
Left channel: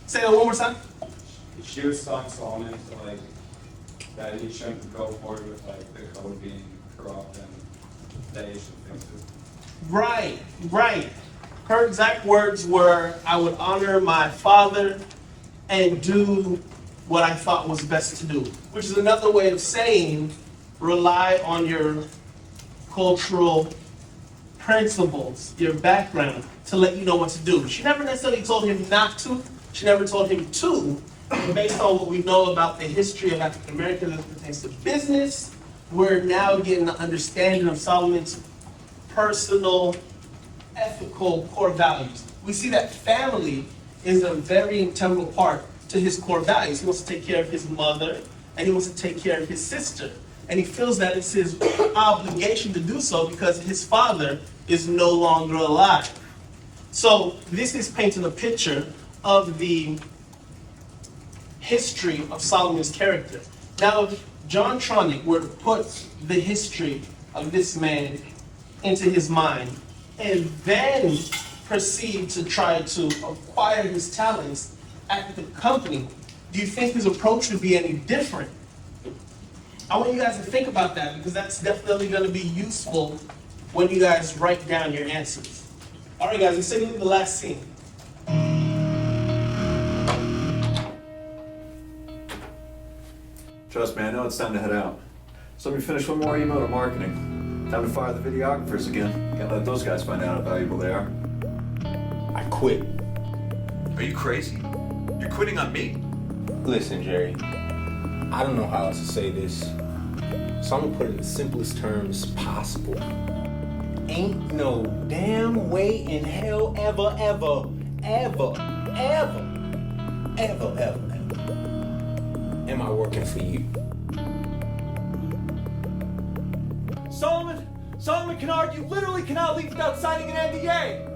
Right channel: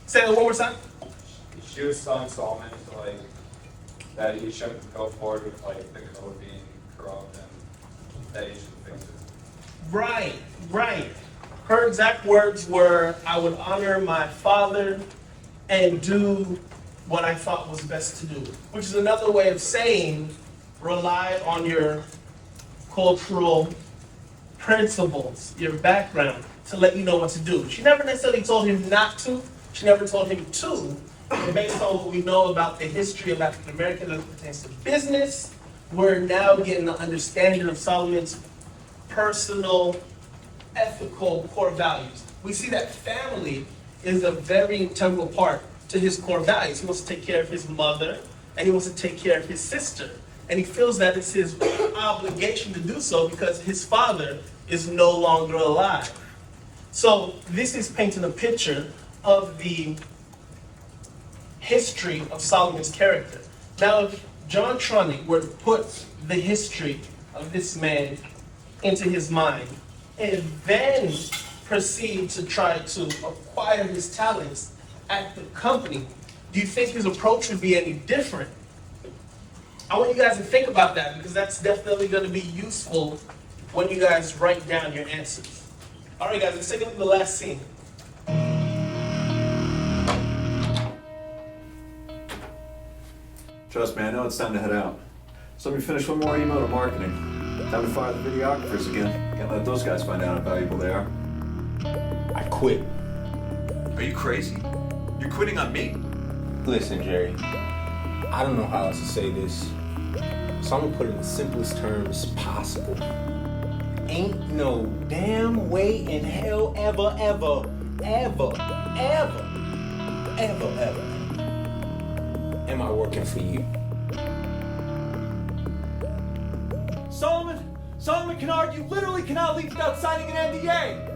Say it one more time. She was telling Solomon to, like, that he shouldn't go forward with, like, the code being corrupt and that he should fix it. Right. Her exact words were, I would honor my father and do what I thought was best to do, which is another way of saying rely on your cultural principles, your background, to let you know what to do. She never necessarily told him not to. She never told him to. But based on what we know about the history of African Americans as it pertains to business, we're now getting an understanding of Solomon's personal, ethical core values. We see that family is a very integral part to his core values. He wants to take care of his mother, and he wants to take care of his sister. And he feels that it's his obligation to do so because his father is no longer alive. So this is painting a picture of the history of Solomon's character. Now, if John Tronick were to put the history of this man into his mind and then proceed to try to acquire his talents at the company, do you think his approach would be any different? I want you guys to think about that because that's definitely going to be useful when you guys write down your answers. All right, guys, let's take a look at the last scene. Trust me, I know it's time to head out. So let me finish one more email to marketing. Time to fire the videographers again. Can't let those guys find out how valuable they are. I quit. Are you crazy? You're quitting on me? Listen, Jerry, I don't know how else to say this, so I'm gonna put it in the simplest terms possible. Ain't no damn way in hell ever am I working for you. Solomon Kennard, you literally cannot leave without signing an NDA!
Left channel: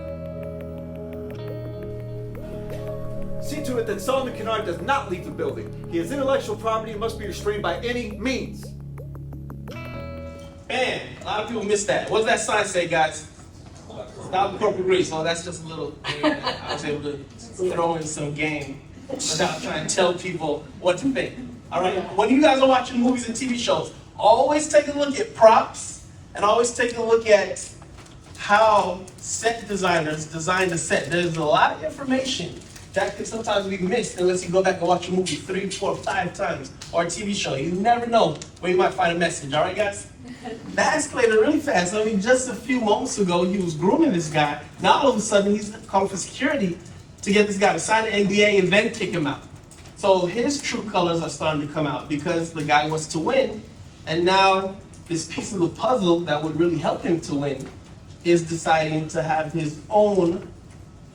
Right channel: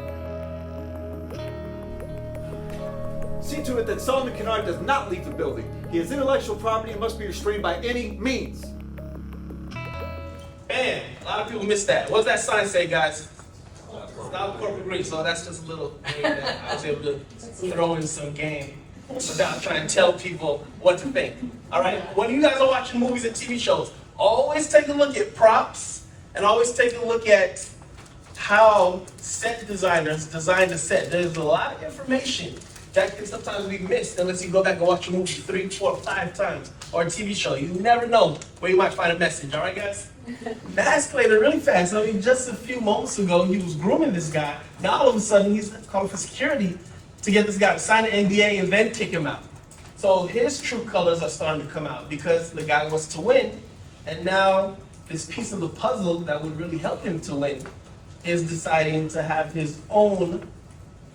See to it that Solomon Kennard does not leave the building. He has intellectual property and must be restrained by any means. Bam! A lot of people missed that. What does that sign say, guys? Not corporate grease, so that's just a little game that I was able to throw in some game without trying to tell people what to think. All right, when you guys are watching movies and TV shows, always take a look at props and always take a look at how set designers design a set. There's a lot of information that can sometimes be missed unless you go back and watch a movie 3, 4, 5 times or a TV show. You never know where you might find a message, all right, guys? That escalated really fast. I mean, just a few moments ago, he was grooming this guy. Now, all of a sudden, he's calling for security to get this guy to sign an NDA and then kick him out. So his true colors are starting to come out because the guy wants to win. And now, this piece of the puzzle that would really help him to win is deciding to have his own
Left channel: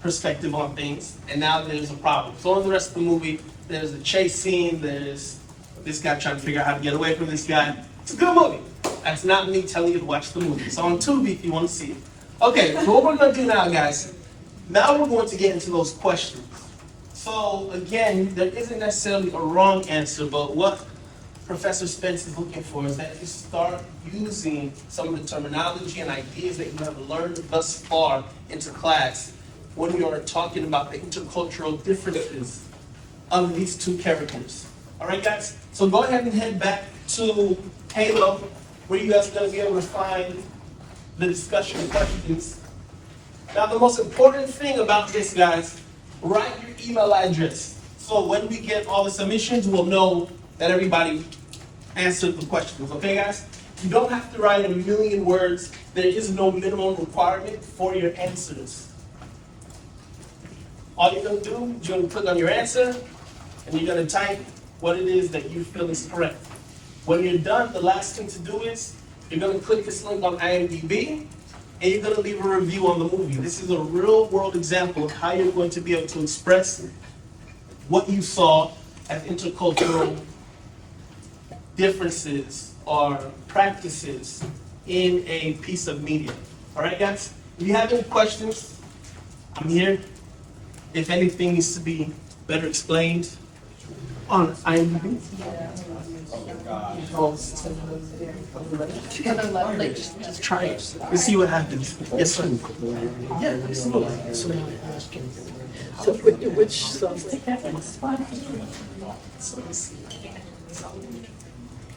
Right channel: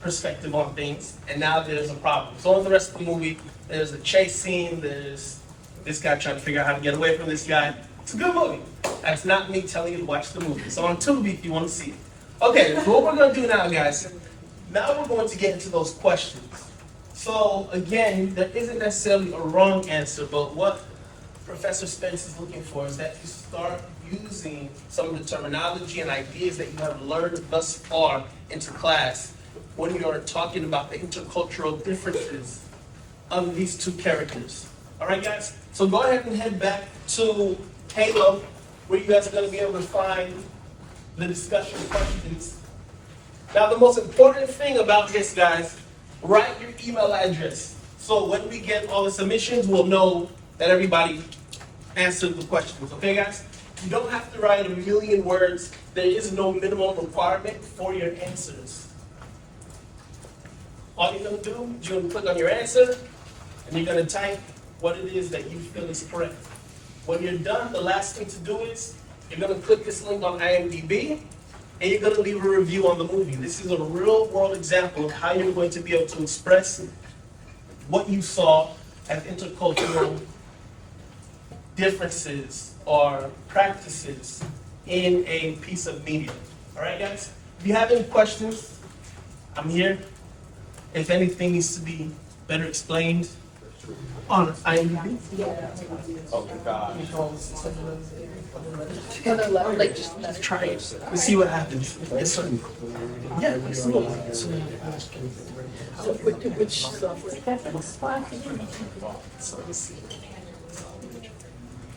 perspective on things. And now there's a problem. So in the rest of the movie, there's a chase scene. There's this guy trying to figure out how to get away from this guy. It's a good movie. That's not me telling you to watch the movie. So on TUBi if you want to see it. Okay, so what we're going to do now, guys, now we're going to get into those questions. So again, there isn't necessarily a wrong answer, but what Professor Spence is looking for is that you start using some of the terminology and ideas that you have learned thus far into class when you're talking about the intercultural differences of these two characters. All right, guys? So go ahead and head back to Halo, where you guys are going to be able to find the discussion questions. Now, the most important thing about this, guys, write your email address. So when we get all the submissions, we'll know that everybody answered the questions. Okay, guys? You don't have to write 1,000,000 words. There is no minimum requirement for your answers. All you're going to do is you're going to click on your answer, and you're going to type what it is that you feel is correct. When you're done, the last thing to do is you're going to click this link on IMDb, and you're going to leave a review on the movie. This is a real-world example of how you're going to be able to express what you saw as intercultural differences or practices in a piece of media. All right, guys? If you have any questions, I'm here. If anything needs to be better explained on IMDb. Oh my gosh. Just try it. Let's see what happens. Yes, sir. Yeah, absolutely. So which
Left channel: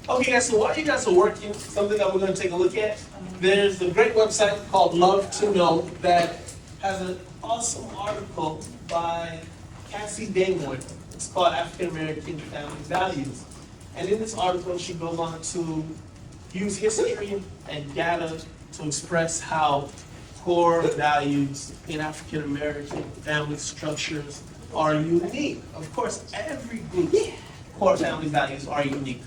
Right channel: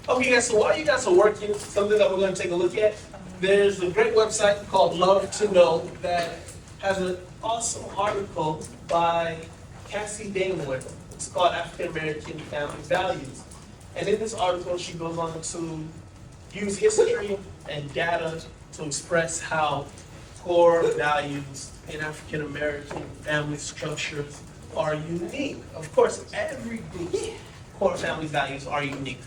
Okay, guys, so while you guys are working, something that we're going to take a look at, there's a great website called Love to Know that has an awesome article by Cassie Daymore. It's called African American Family Values. And in this article, she goes on to use history and data to express how core values in African American family structures are unique. Of course, every group's core family values are unique.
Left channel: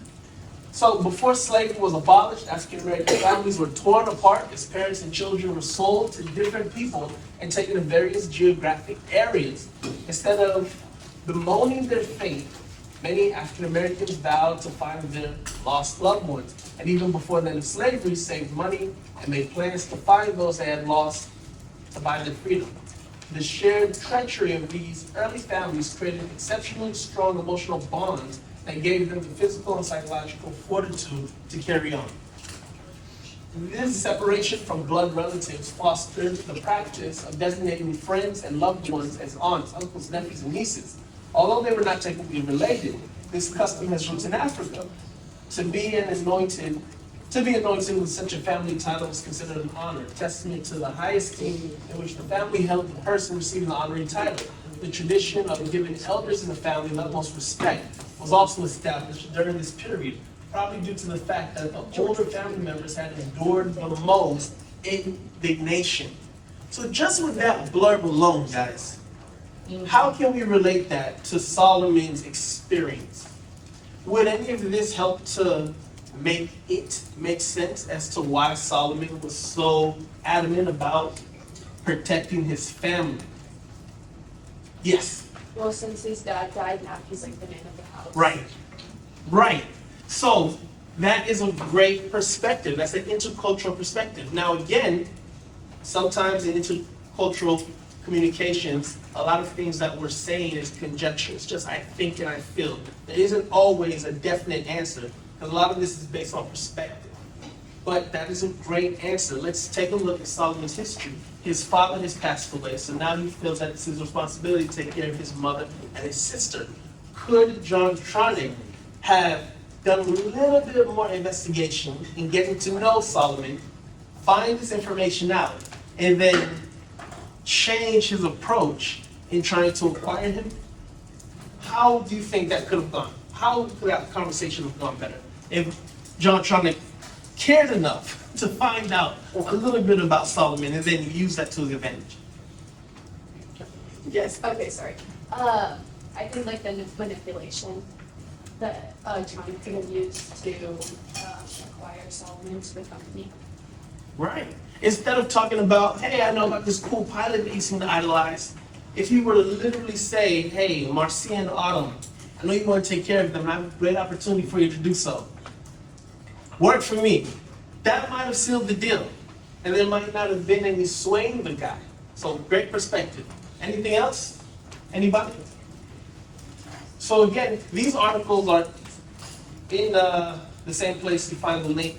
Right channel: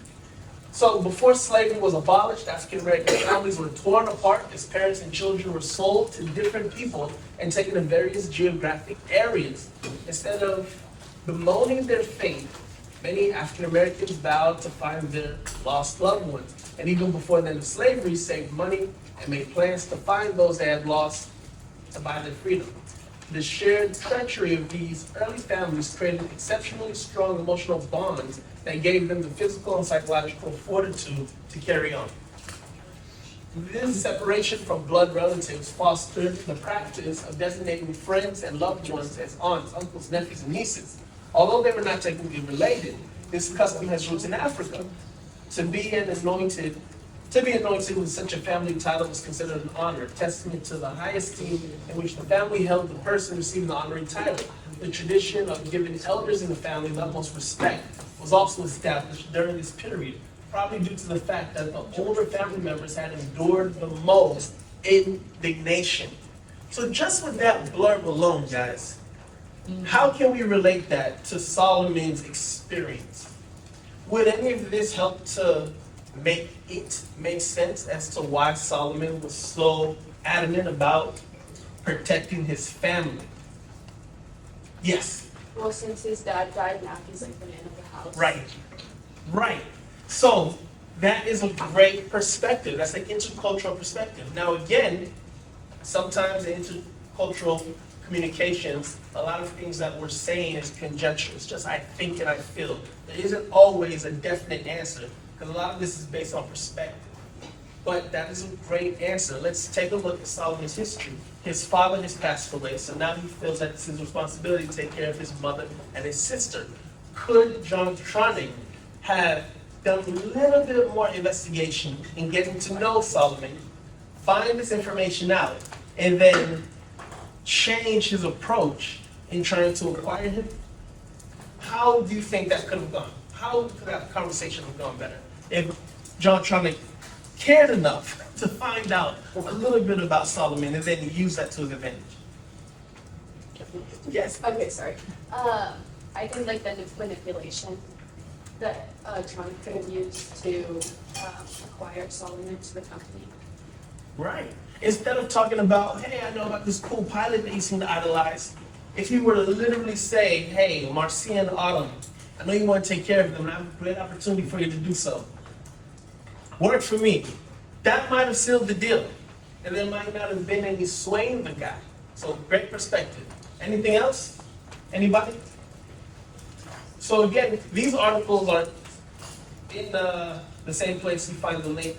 So before slavery was abolished, African American families were torn apart as parents and children were sold to different people and taken to various geographic areas. Instead of bemoaning their fate, many African Americans vowed to find their lost loved ones. And even before the end of slavery, saved money and made plans to find those they had lost to buy their freedom. The shared treachery of these early families created exceptionally strong emotional bonds that gave them the physical and psychological fortitude to carry on. This separation from blood relatives fostered the practice of designating friends and loved ones as aunts, uncles, nephews, and nieces. Although they were not technically related, this custom has roots in Africa. To be anointed with such a family title was considered an honor, testament to the high esteem in which the family held the person receiving the honorary title. The tradition of giving elders in the family the utmost respect was also established during this period, probably due to the fact that the older family members had endured the most indignation. So just with that blurb alone, guys, how can we relate that to Solomon's experience? Would any of this help to make it make sense as to why Solomon was so adamant about protecting his family? Yes. Well, since his dad died, now he's like the man of the house. Right. So that is a great perspective. That's an intercultural perspective. Now again, sometimes in intercultural communications, a lot of things that we're saying is conjecture. It's just I think and I feel. There isn't always a definite answer, because a lot of this is based on perspective. But that is a great answer. Let's take a look at Solomon's history. His father has passed away, so now he feels that it's his responsibility to take care of his mother and his sister. Could John Tronick have done a little bit more investigation in getting to know Solomon, find this information out, and then change his approach in trying to acquire him? How do you think that could have gone? How could that conversation have gone better if John Tronick cared enough to find out a little bit about Solomon and then use that to his advantage? Yes. Okay, sorry. I think like the manipulation that John could have used to acquire Solomon to the company. Right. Instead of talking about, hey, I know about this cool pilot that you seem to idolize, if you were to literally say, hey, Marcia and Autumn, I know you want to take care of them, and I have a great opportunity for you to do so. Work for me. That might have sealed the deal. And there might not have been any swaying the guy. So great perspective. Anything else? Anybody? So again, these articles are in the same place you find the link.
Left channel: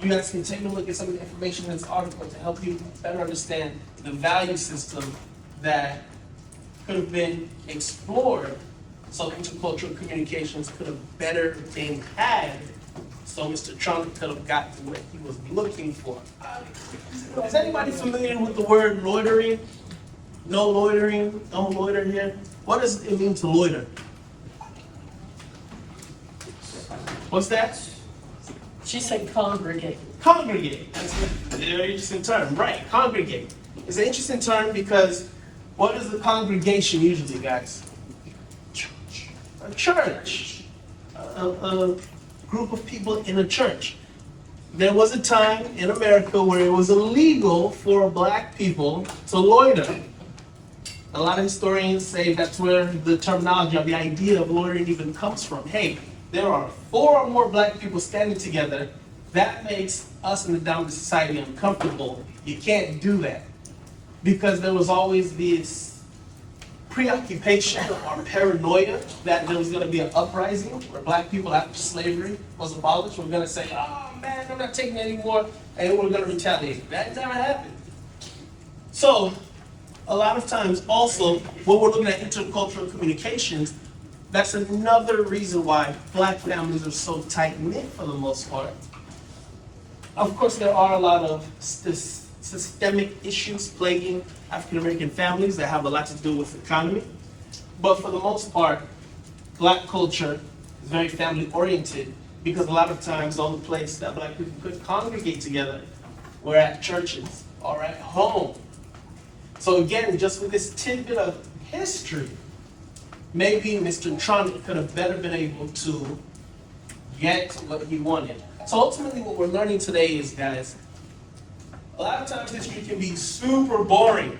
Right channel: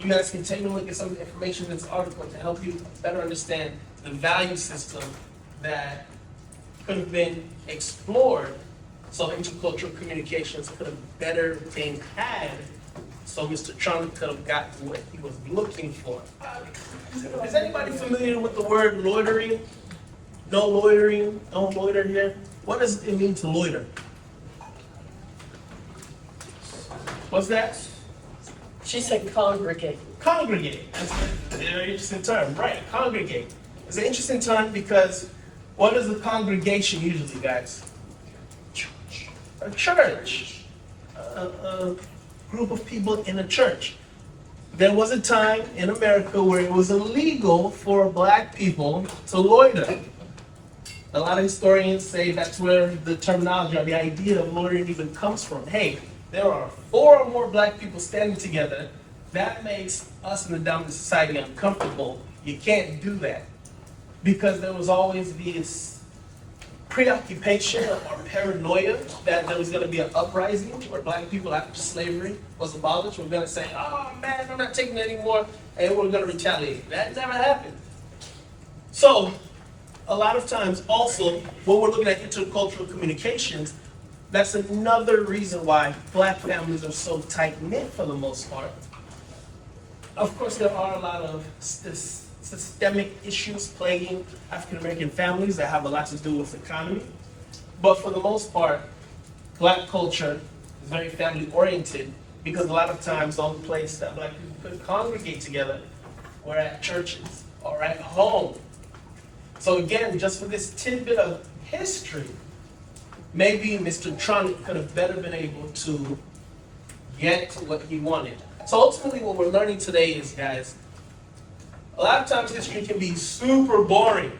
You guys can take a look at some of the information in this article to help you better understand the value system that could have been explored, so intercultural communications could have better been had, so Mr. Trump could have gotten what he was looking for. Is anybody familiar with the word loitering? No loitering, don't loiter here. What does it mean to loiter? What's that? She said congregate. Congregate. That's a very interesting term, right? Congregate. It's an interesting term because what is the congregation usually, guys? Church. A church. A group of people in a church. There was a time in America where it was illegal for black people to loiter. A lot of historians say that's where the terminology or the idea of loitering even comes from. Hey, there are 4 or more black people standing together. That makes us in the dominant society uncomfortable. You can't do that. Because there was always this preoccupation or paranoia that there was going to be an uprising where black people after slavery was abolished were going to say, oh man, I'm not taking it anymore, and we're going to retaliate. That never happened. So, a lot of times also, when we're looking at intercultural communications, that's another reason why black families are so tight-knit for the most part. Of course, there are a lot of systemic issues plaguing African-American families that have a lot to do with the economy. But for the most part, black culture is very family-oriented because a lot of times the only place that black people could congregate together were at churches or at home. So again, just with this tidbit of history, maybe Mr. Trump could have better been able to get what he wanted. So ultimately what we're learning today is, guys, a lot of times history can be super boring.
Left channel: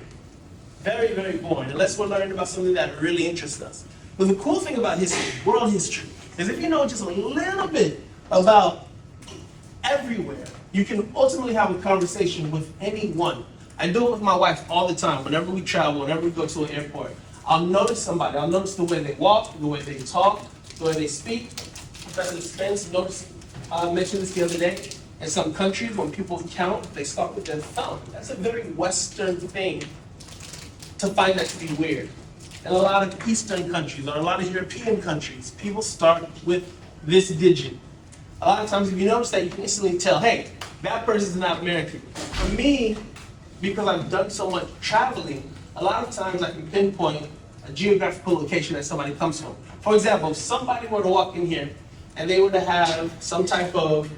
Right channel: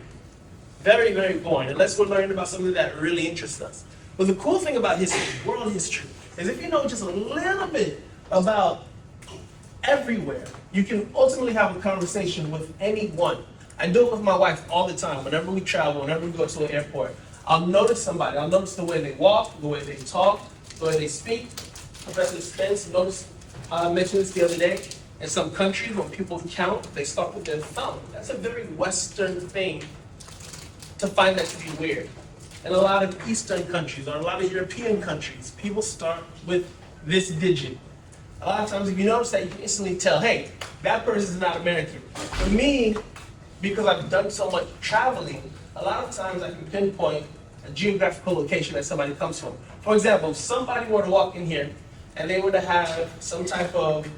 Very, very boring, unless we're learning about something that really interests us. But the cool thing about history, world history, is if you know just a little bit about everywhere, you can ultimately have a conversation with anyone. I do it with my wife all the time. Whenever we travel, whenever we go to an airport, I'll notice somebody. I'll notice the way they walk, the way they talk, the way they speak. Professor Spence mentioned this the other day. In some countries, when people count, they start with their thumb. That's a very Western thing to find that to be weird. In a lot of Eastern countries or a lot of European countries, people start with this digit. A lot of times, if you notice that, you can instantly tell, hey, that person is not American. For me, because I've done so much traveling, a lot of times I can pinpoint a geographical location that somebody comes from. For example, if somebody were to walk in here and they were to have some type of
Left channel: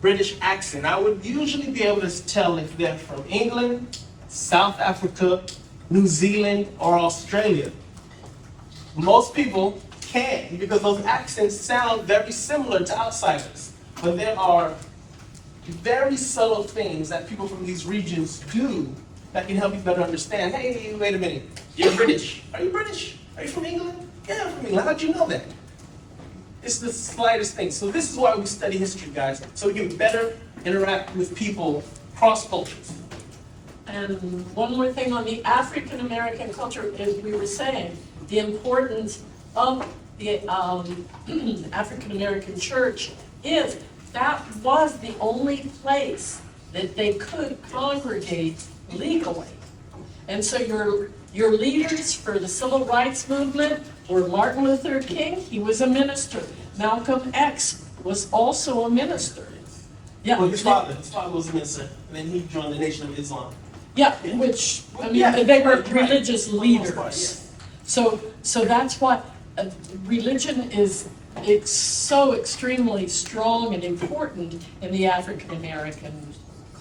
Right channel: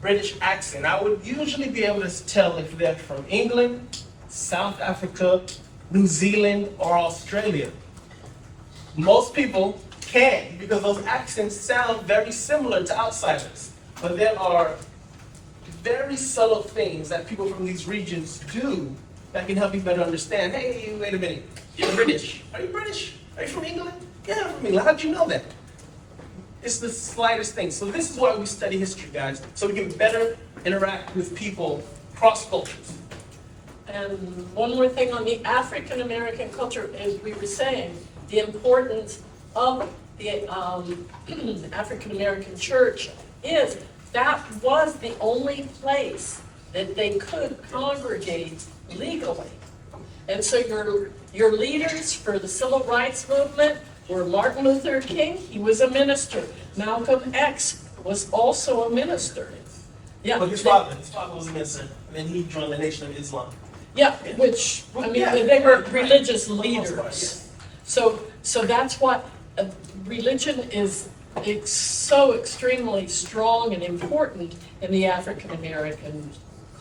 British accent, I would usually be able to tell if they're from England, South Africa, New Zealand, or Australia. Most people can't because those accents sound very similar to outsiders. But there are very subtle things that people from these regions do that can help you better understand. Hey, wait a minute, you're British. Are you British? Are you from England? Yeah, I'm from England. How'd you know that? It's the slightest thing. So this is why we study history, guys, so we can better interact with people cross cultures. And one more thing on the African American culture, as we were saying, the importance of the African American church is that was the only place that they could congregate legally. And so your leaders for the civil rights movement were Martin Luther King, he was a minister. Malcolm X was also a minister. Yeah. Well, his father was a minister, and then he joined the Nation of Islam. Yeah, which, I mean, they were religious leaders. So that's what religion is. It's so extremely strong and important in the African American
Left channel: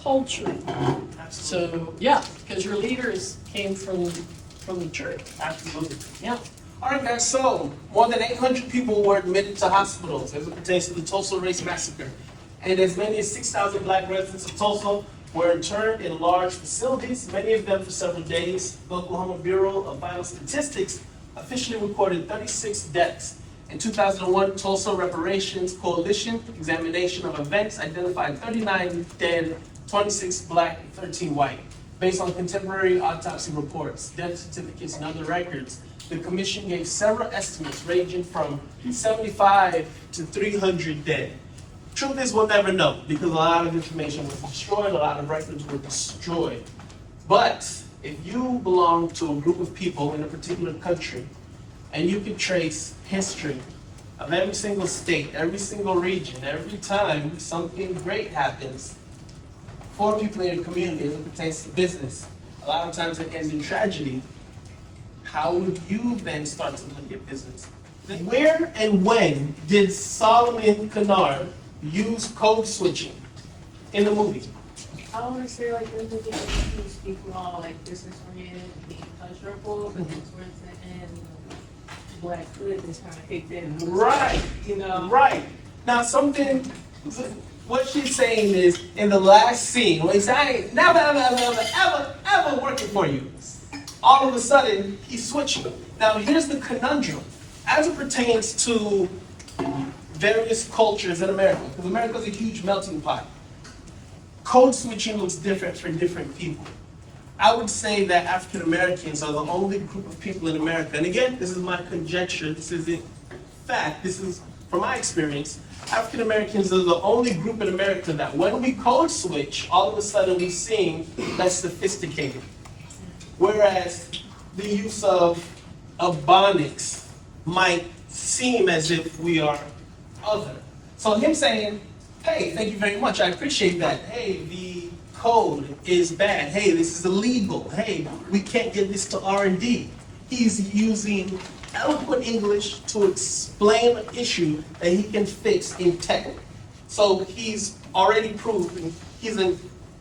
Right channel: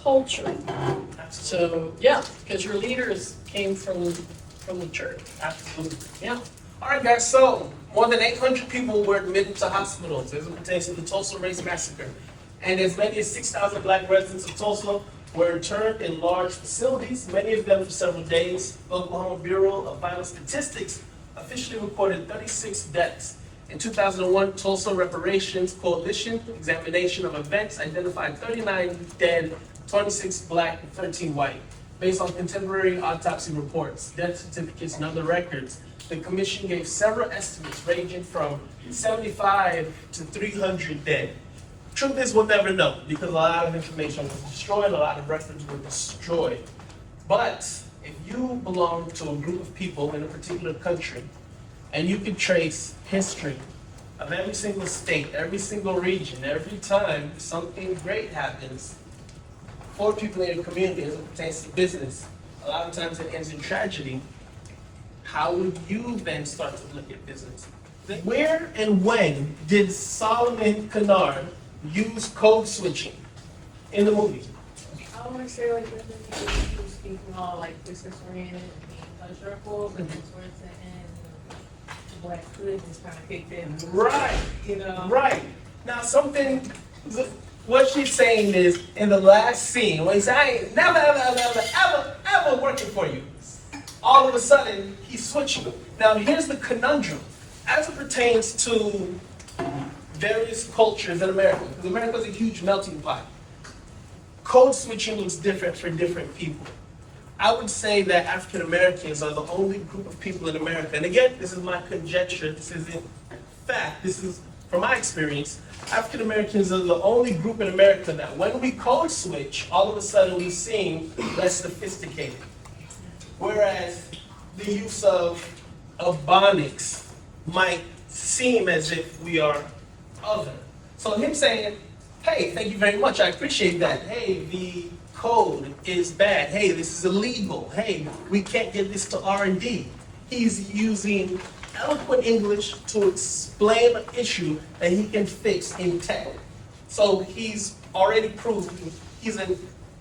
culture. So yeah, because your leaders came from the church. Absolutely. Yeah. All right, guys, so more than 800 people were admitted to hospitals as it pertains to the Tulsa Race Massacre. And as many as 6,000 black residents of Tulsa were interned in large facilities, many of them for several days. The Oklahoma Bureau of Vital Statistics officially recorded 36 deaths. In 2001, Tulsa Reparations Coalition examination of events identified 39 dead, 26 black, and 13 white. Based on contemporary autopsy reports, death certificates, and other records, the commission gave several estimates ranging from 75 to 300 dead. Truth is, we'll never know because a lot of information was destroyed, a lot of records were destroyed. But if you belong to a group of people in a particular country, and you can trace history of every single state, every single region, every time something great happens for people in your community as it pertains to business, a lot of times it ends in tragedy. How would you then start to look at business? Where and when did Solomon Kennard use code switching in the movie? I don't want to say like this is people speaking all like business oriented, being pleasurable, but then towards the end, what I could just kind of kicked in. Right, You know? right. Now what she's saying is, in the last scene, when he's saying, I ain't never, ever working for you. All of a sudden, he's switching. Now here's the conundrum. As it pertains to various cultures in America, because America's a huge melting pot, code switching looks different for different people. I would say that African Americans are the only group of people in America, and again, this is my conjecture, this isn't fact, this is from my experience, African Americans are the only group in America that when we code switch, all of a sudden we seem less sophisticated. Whereas the use of ebonics might seem as if we are other. So him saying, hey, thank you very much, I appreciate that. Hey, the code is bad. Hey, this is illegal. Hey, we can't get this to R&D. He's using eloquent English to explain an issue that he can fix in tech. So he's already proven he's an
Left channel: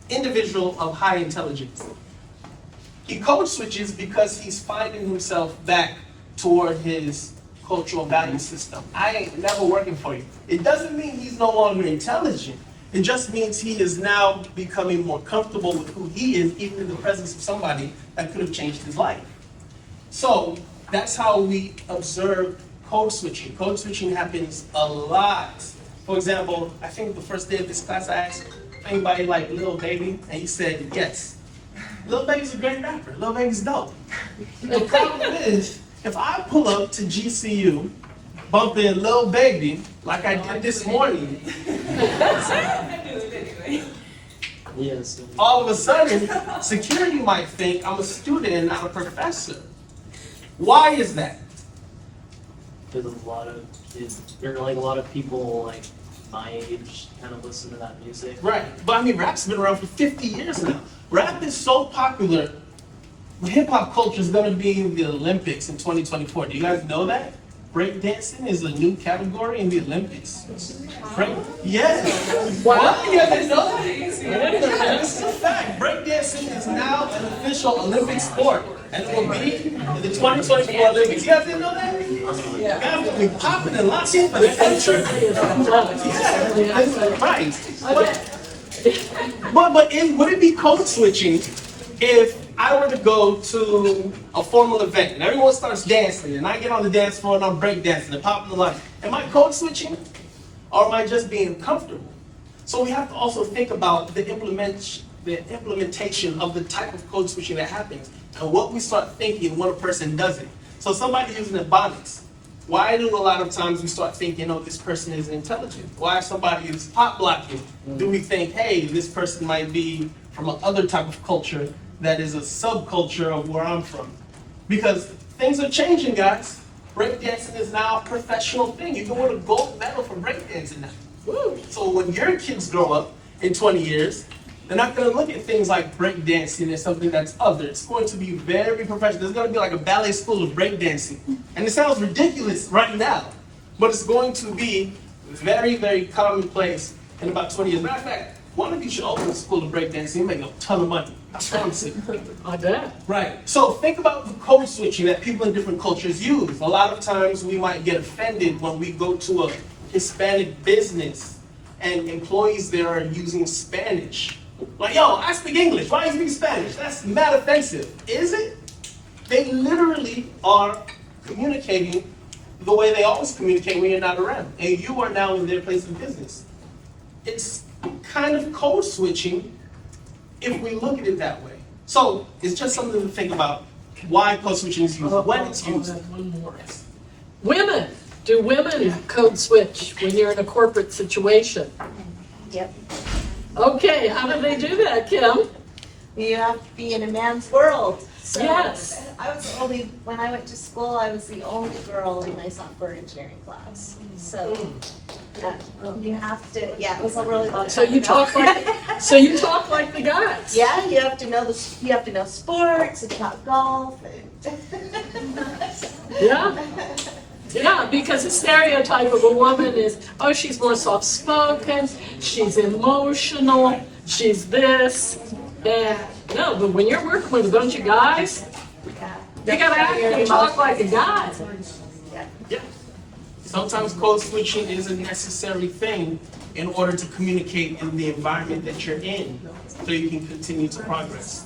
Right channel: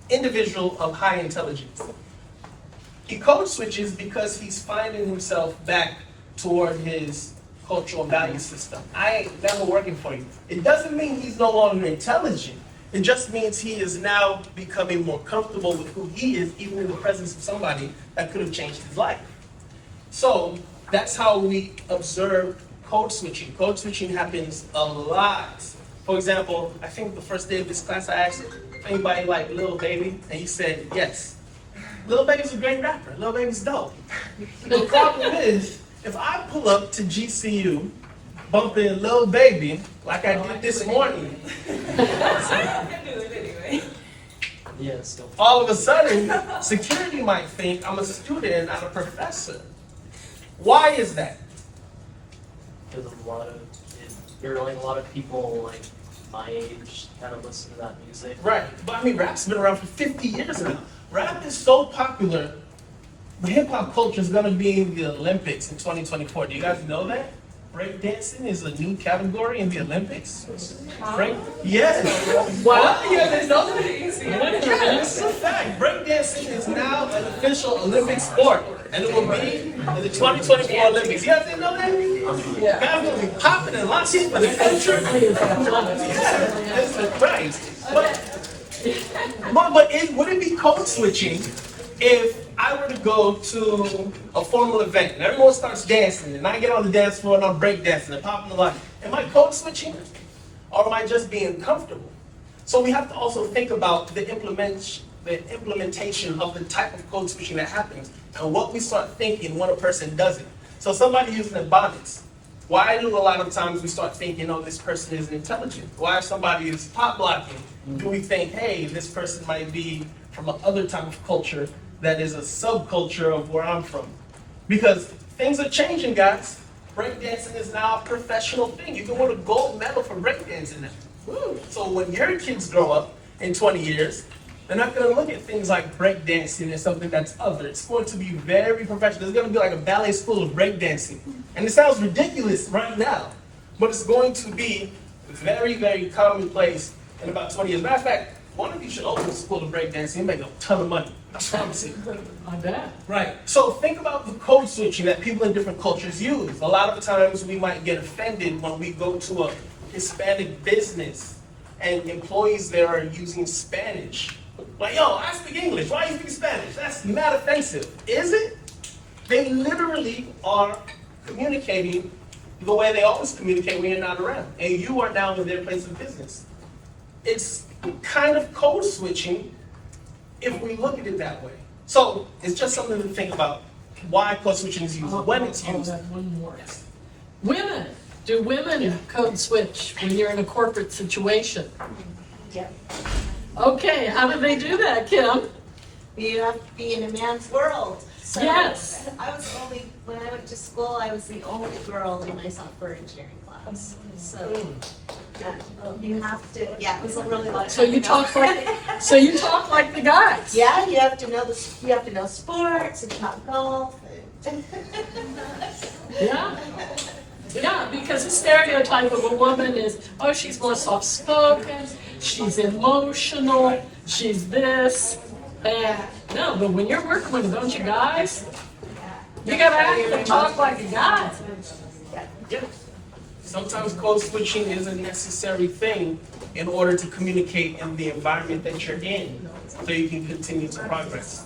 individual of high intelligence. He code switches because he's finding himself back toward his cultural value system. I ain't never working for you. It doesn't mean he's no longer intelligent. It just means he is now becoming more comfortable with who he is, even in the presence of somebody that could have changed his life. So that's how we observe code switching. Code switching happens a lot. For example, I think the first day of this class I asked anybody like Lil Baby, and he said yes. Lil Baby's a great rapper. Lil Baby's dope. The problem is, if I pull up to GCU bumping Lil Baby like I did this morning, all of a sudden, security might think I'm a student and not a professor. Why is that? Because a lot of people like my age kind of listen to that music. Right, but I mean, rap's been around for 50 years now. Rap is so popular, hip hop culture is going to be in the Olympics in 2024. Do you guys know that? Breakdancing is a new category in the Olympics. Yes. What? Yeah, they know that. Yeah, this is a fact. Breakdancing is now an official Olympic sport, and it will be in the 2024 Olympics. You guys didn't know that? Yeah. Guys will be popping and launching for the culture. Yeah, right. But would it be code switching if I were to go to a formal event and everyone starts dancing and I get on the dance floor and I'm breakdancing and popping the line? Am I code switching or am I just being comfortable? So we have to also think about the implementation of the type of code switching that happens and what we start thinking when a person does it. So somebody using ebonics. Why do a lot of times we start thinking, oh, this person isn't intelligent? Why if somebody is pop blocking, do we think, hey, this person might be from another type of culture that is a subculture of where I'm from? Because things are changing, guys. Breakdancing is now a professional thing. You can win a gold medal for breakdancing now. Woo. So when your kids grow up in 20 years, they're not going to look at things like breakdancing as something that's other. It's going to be very professional. There's going to be like a ballet school of breakdancing. And it sounds ridiculous right now, but it's going to be very, very commonplace in about 20 years. Matter of fact, one of you should open a school of breakdancing and make a ton of money. I promise you. I bet. Right. So think about the code switching that people in different cultures use. A lot of times we might get offended when we go to a Hispanic business and employees there are using Spanish. Like, yo, I speak English. Why are you speaking Spanish? That's mad offensive. Is it? They literally are communicating the way they always communicate when you're not around. And you are now in their place of business. It's kind of code switching if we look at it that way. So it's just something to think about why code switching is used, when it's used. One more. Women. Do women code switch when you're in a corporate situation? Yep. Okay, how do they do that, Kim? You have to be in a man's world. So Yes. when I went to school, I was the only girl in my software engineering class. So you have to, it was a really long time. So you talk like the guys. Yeah, you have to know sports and talk golf and. Yeah. Yeah, because the stereotype of a woman is, oh, she's more soft-spoken, she's emotional, she's this. And no, but when you're working with a bunch of guys, you gotta act and talk like a guy. Yeah. Sometimes code switching is a necessary thing in order to communicate in the environment that you're in, so you can continue to progress.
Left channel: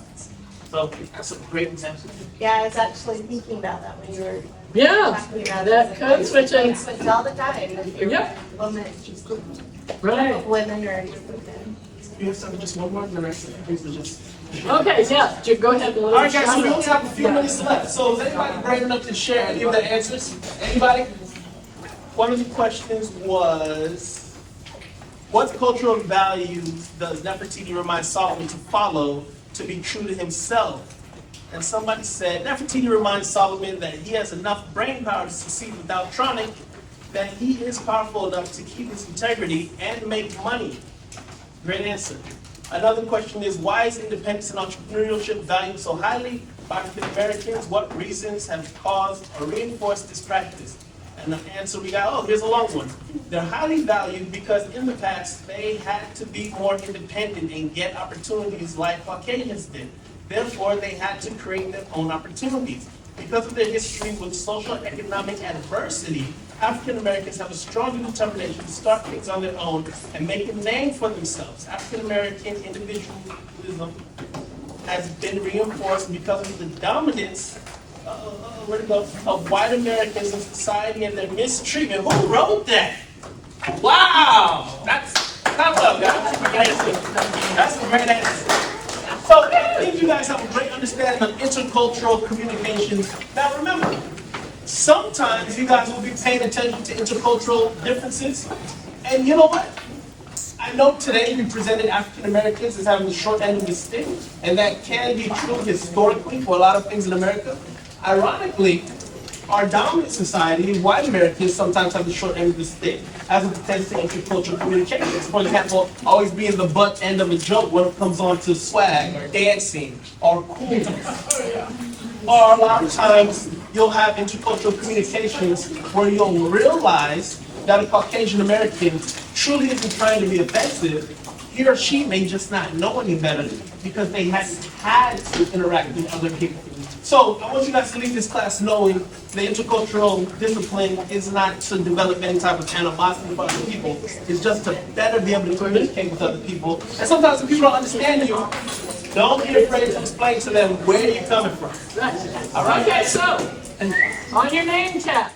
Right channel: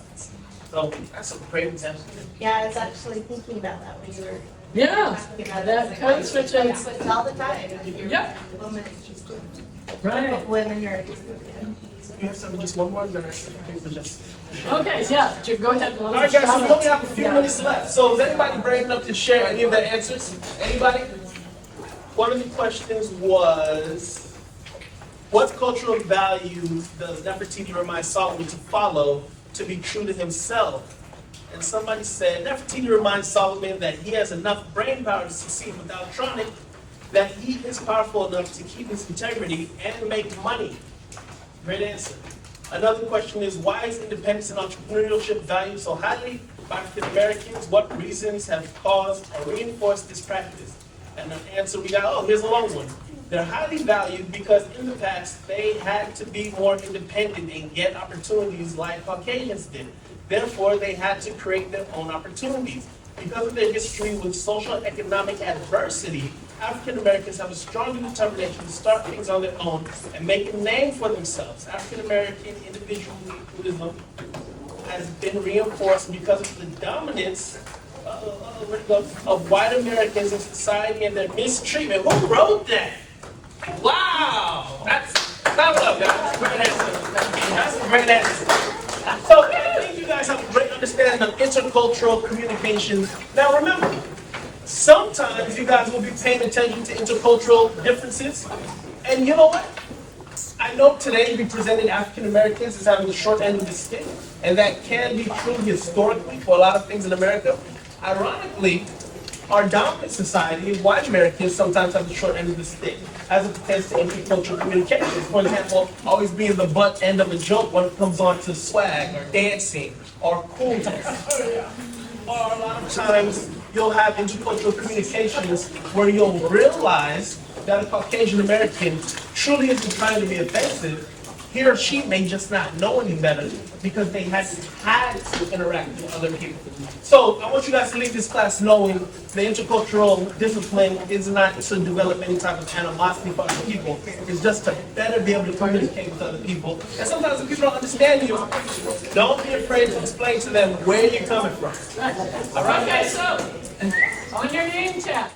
So that's a great example. Yeah, I was actually thinking about that when you were Yeah, talking about that code switching. It's all the time. Yep. Women, Right. women are. You have something, just one more, then I think we just. Okay, yeah, go ahead. All right, guys, so we only have a few minutes left. So is anybody brave enough to share any of their answers? Anybody? One of the questions was, what cultural values does Nefertiti remind Solomon to follow to be true to himself? And somebody said, Nefertiti reminds Solomon that he has enough brain power to succeed without trying, that he is powerful enough to keep his integrity and make money. Great answer. Another question is, why is independence and entrepreneurship valued so highly by African Americans? What reasons have caused or reinforced this practice? And the answer we got, here's a long one. They're highly valued because in the past, they had to be more independent and get opportunities like Caucasians did. Therefore, they had to create their own opportunities. Because of their history with social and economic adversity, African Americans have a stronger determination to start things on their own and make a name for themselves. African American individualism has been reinforced because of the dominance of white Americans in society and their mistreatment. Who wrote that? Wow! That's up, guys. That's a great answer. So I think you guys have a great understanding of intercultural communications. Now remember, sometimes you guys will be paying attention to intercultural differences. And you know what? I know today we presented African Americans as having the short end of the stick, and that can be true historically for a lot of things in America. Ironically, our dominant society, white Americans, sometimes have the short end of the stick as it pertains to intercultural communications. For example, always being the butt end of a joke when it comes on to swag or dancing or coolness. Or a lot of times, you'll have intercultural communications where you'll realize that a Caucasian American truly isn't trying to be offensive. He or she may just not know any better because they hadn't had to interact with other people. So I want you guys to leave this class knowing the intercultural discipline is not to develop any type of animosity for other people. It's just to better be able to communicate with other people. And sometimes when people don't understand you, don't be afraid to explain to them where you're coming from. All right, okay, so on your name tag,